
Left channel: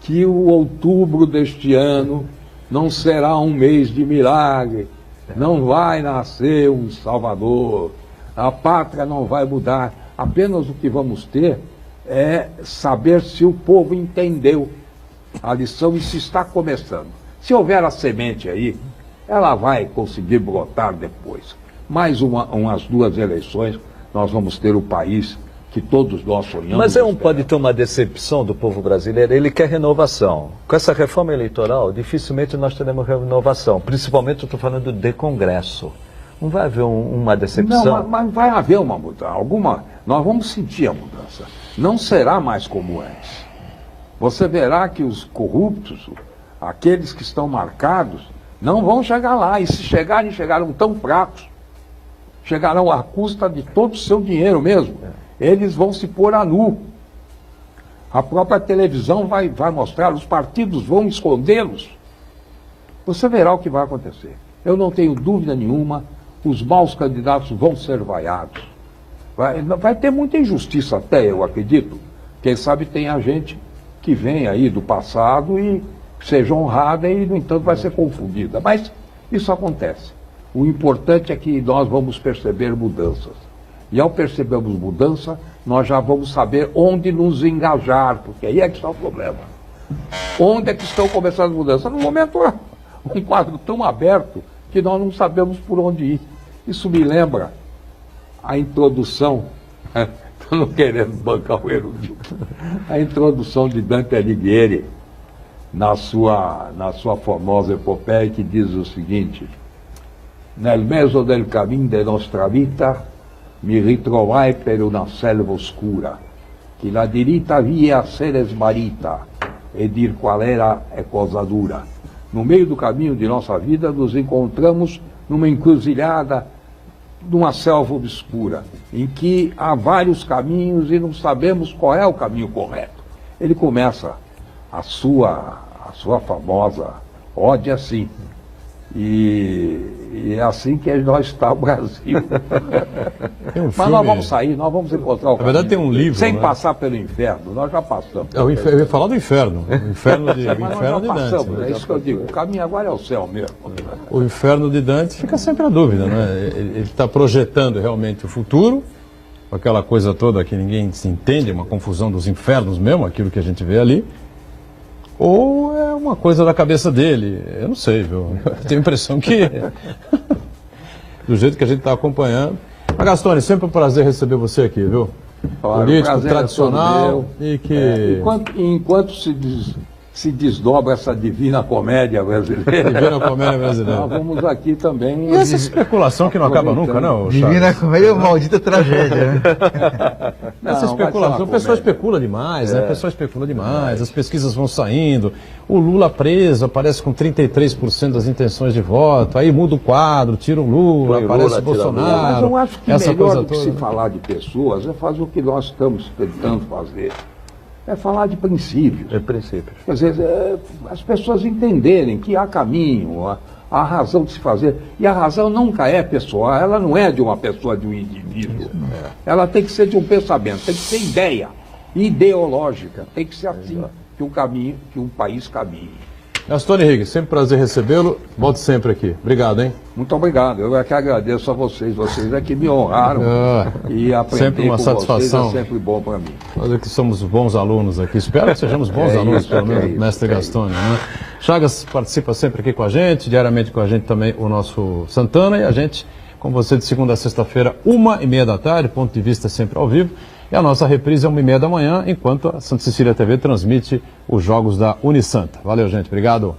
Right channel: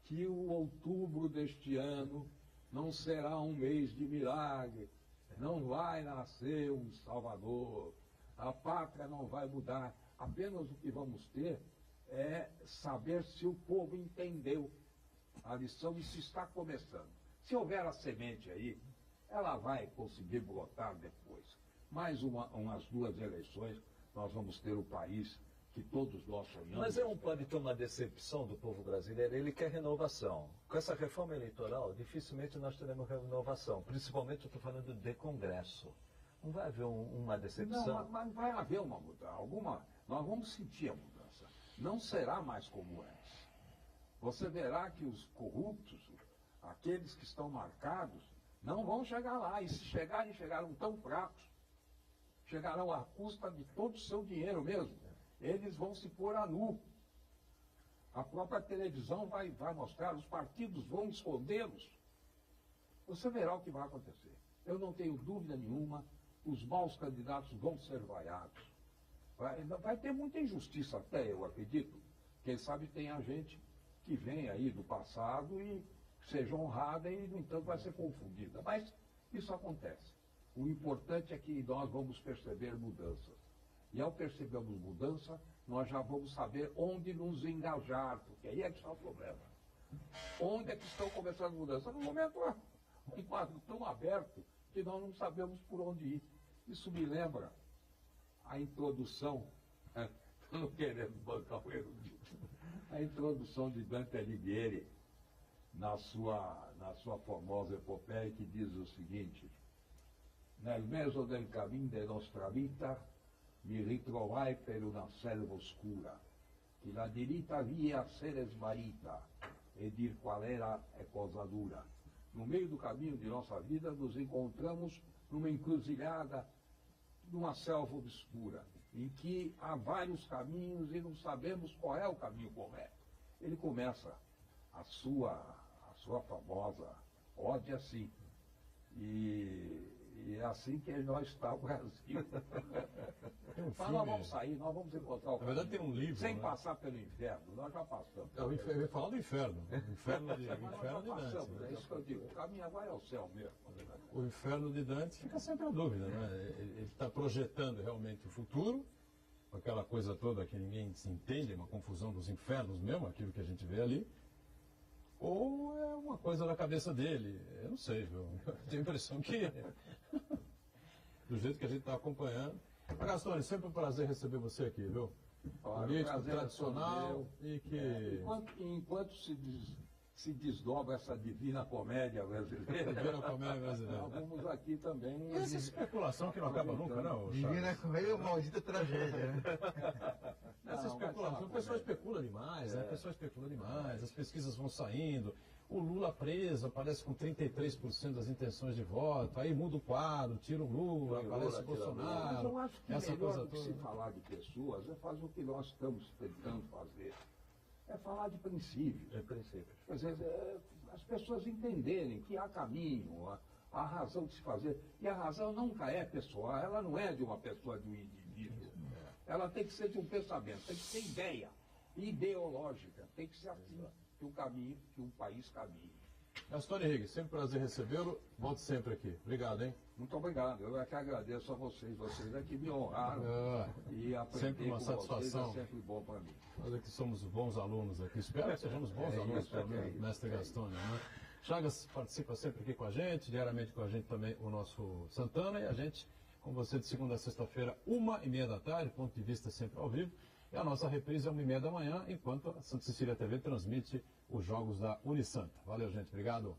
que o outubro deste ano não será um mês de milagre. Não vai nascer um Salvador, a pátria não vai mudar. Apenas o que vamos ter é saber se o povo entendeu a lição e se está começando. Se houver a semente aí, ela vai conseguir brotar depois. Mais umas 2 eleições, nós vamos ter o país que todos nós sonhamos. Mas pode ter uma decepção do povo brasileiro, ele quer renovação. Com essa reforma eleitoral, dificilmente nós teremos renovação, principalmente eu estou falando de Congresso. Não vai haver uma decepção? Não, mas vai haver uma mudança, nós vamos sentir a mudança. Não será mais como antes. Você verá que os corruptos, aqueles que estão marcados, não vão chegar lá, e se chegarem, chegarão tão fracos, chegarão à custa de todo o seu dinheiro mesmo. Eles vão se pôr a nu. A própria televisão vai mostrar, os partidos vão escondê-los. Você verá o que vai acontecer. Eu não tenho dúvida nenhuma, os maus candidatos vão ser vaiados. Vai ter muita injustiça até, eu acredito. Quem sabe tem a gente que vem aí do passado e seja honrada e, no entanto, vai ser confundida. Mas isso acontece. O importante é que nós vamos perceber mudanças. E ao percebermos mudança, nós já vamos saber onde nos engajar, porque aí é que está o problema. Onde é que estão começando as mudanças? No momento é um quadro tão aberto que nós não sabemos por onde ir. Isso me lembra a introdução, estou não querendo bancar o erudito, a introdução de Dante Alighieri na sua famosa epopeia que diz o seguinte: Nel mezzo del cammino de nostra vita mi ritrovai per una selva oscura, che la diritta via se ne smarrita, e dir qual era é cosa dura. No meio do caminho de nossa vida, nos encontramos numa encruzilhada, numa selva obscura, em que há vários caminhos e não sabemos qual é o caminho correto. Ele começa a sua famosa ode assim. E é assim que nós está o Brasil. Mas nós vamos sair, nós vamos encontrar o caminho. Na verdade tem um livro, sem né? Passar pelo inferno, nós já passamos. Eu ia falar do inferno. O inferno de, Mas inferno nós de já Dante. passamos, é isso que eu digo. O caminho agora é o céu mesmo. O inferno de Dante fica sempre a dúvida, né? Ele está projetando realmente o futuro, aquela coisa toda que ninguém se entende, uma confusão dos infernos mesmo, aquilo que a gente vê ali. Ou é uma coisa da cabeça dele, eu não sei, viu? Eu tenho a impressão que, do jeito que a gente está acompanhando. Mas Gastone, sempre um prazer receber você aqui, viu? Claro, político, é tradicional e que... Enquanto se desdobra essa divina comédia brasileira, nós vamos aqui também... E essa especulação que não acaba nunca, não, Chaves? Divina comédia é uma maldita tragédia, né? Essa especulação, o pessoal especula demais, né? O pessoal especula demais, as pesquisas vão saindo, o Lula preso, aparece com 33% das intenções de voto, aí muda o quadro, tira o Lula, aparece o Bolsonaro. Mas eu acho que essa melhor coisa do que toda. se falar de pessoas é fazer o que nós estamos tentando fazer. É falar de princípios. É princípios. Quer dizer, as pessoas entenderem que há caminho, há razão de se fazer. E a razão nunca é pessoal, ela não é de uma pessoa, de um indivíduo. Ela tem que ser de um pensamento, tem que ser ideia, ideológica. Tem que ser assim que um país caminhe. Gastone Higgs, sempre prazer recebê-lo. Volte sempre aqui. Obrigado, hein? Muito obrigado. Eu é que agradeço a vocês. Vocês é que me honraram. E aprender sempre uma com satisfação. vocês é sempre bom para mim. Nós aqui somos bons alunos aqui. Espero que sejamos bons alunos, pelo menos, mestre Gastone. Né? Chagas participa sempre aqui com a gente, diariamente com a gente também o nosso Santana, e a gente com você de segunda a sexta-feira, 1h30 da tarde, ponto de vista sempre ao vivo. E a nossa reprise é 1h30 da manhã, enquanto a Santa Cecília TV transmite os jogos da Unisanta. Valeu, gente. Obrigado.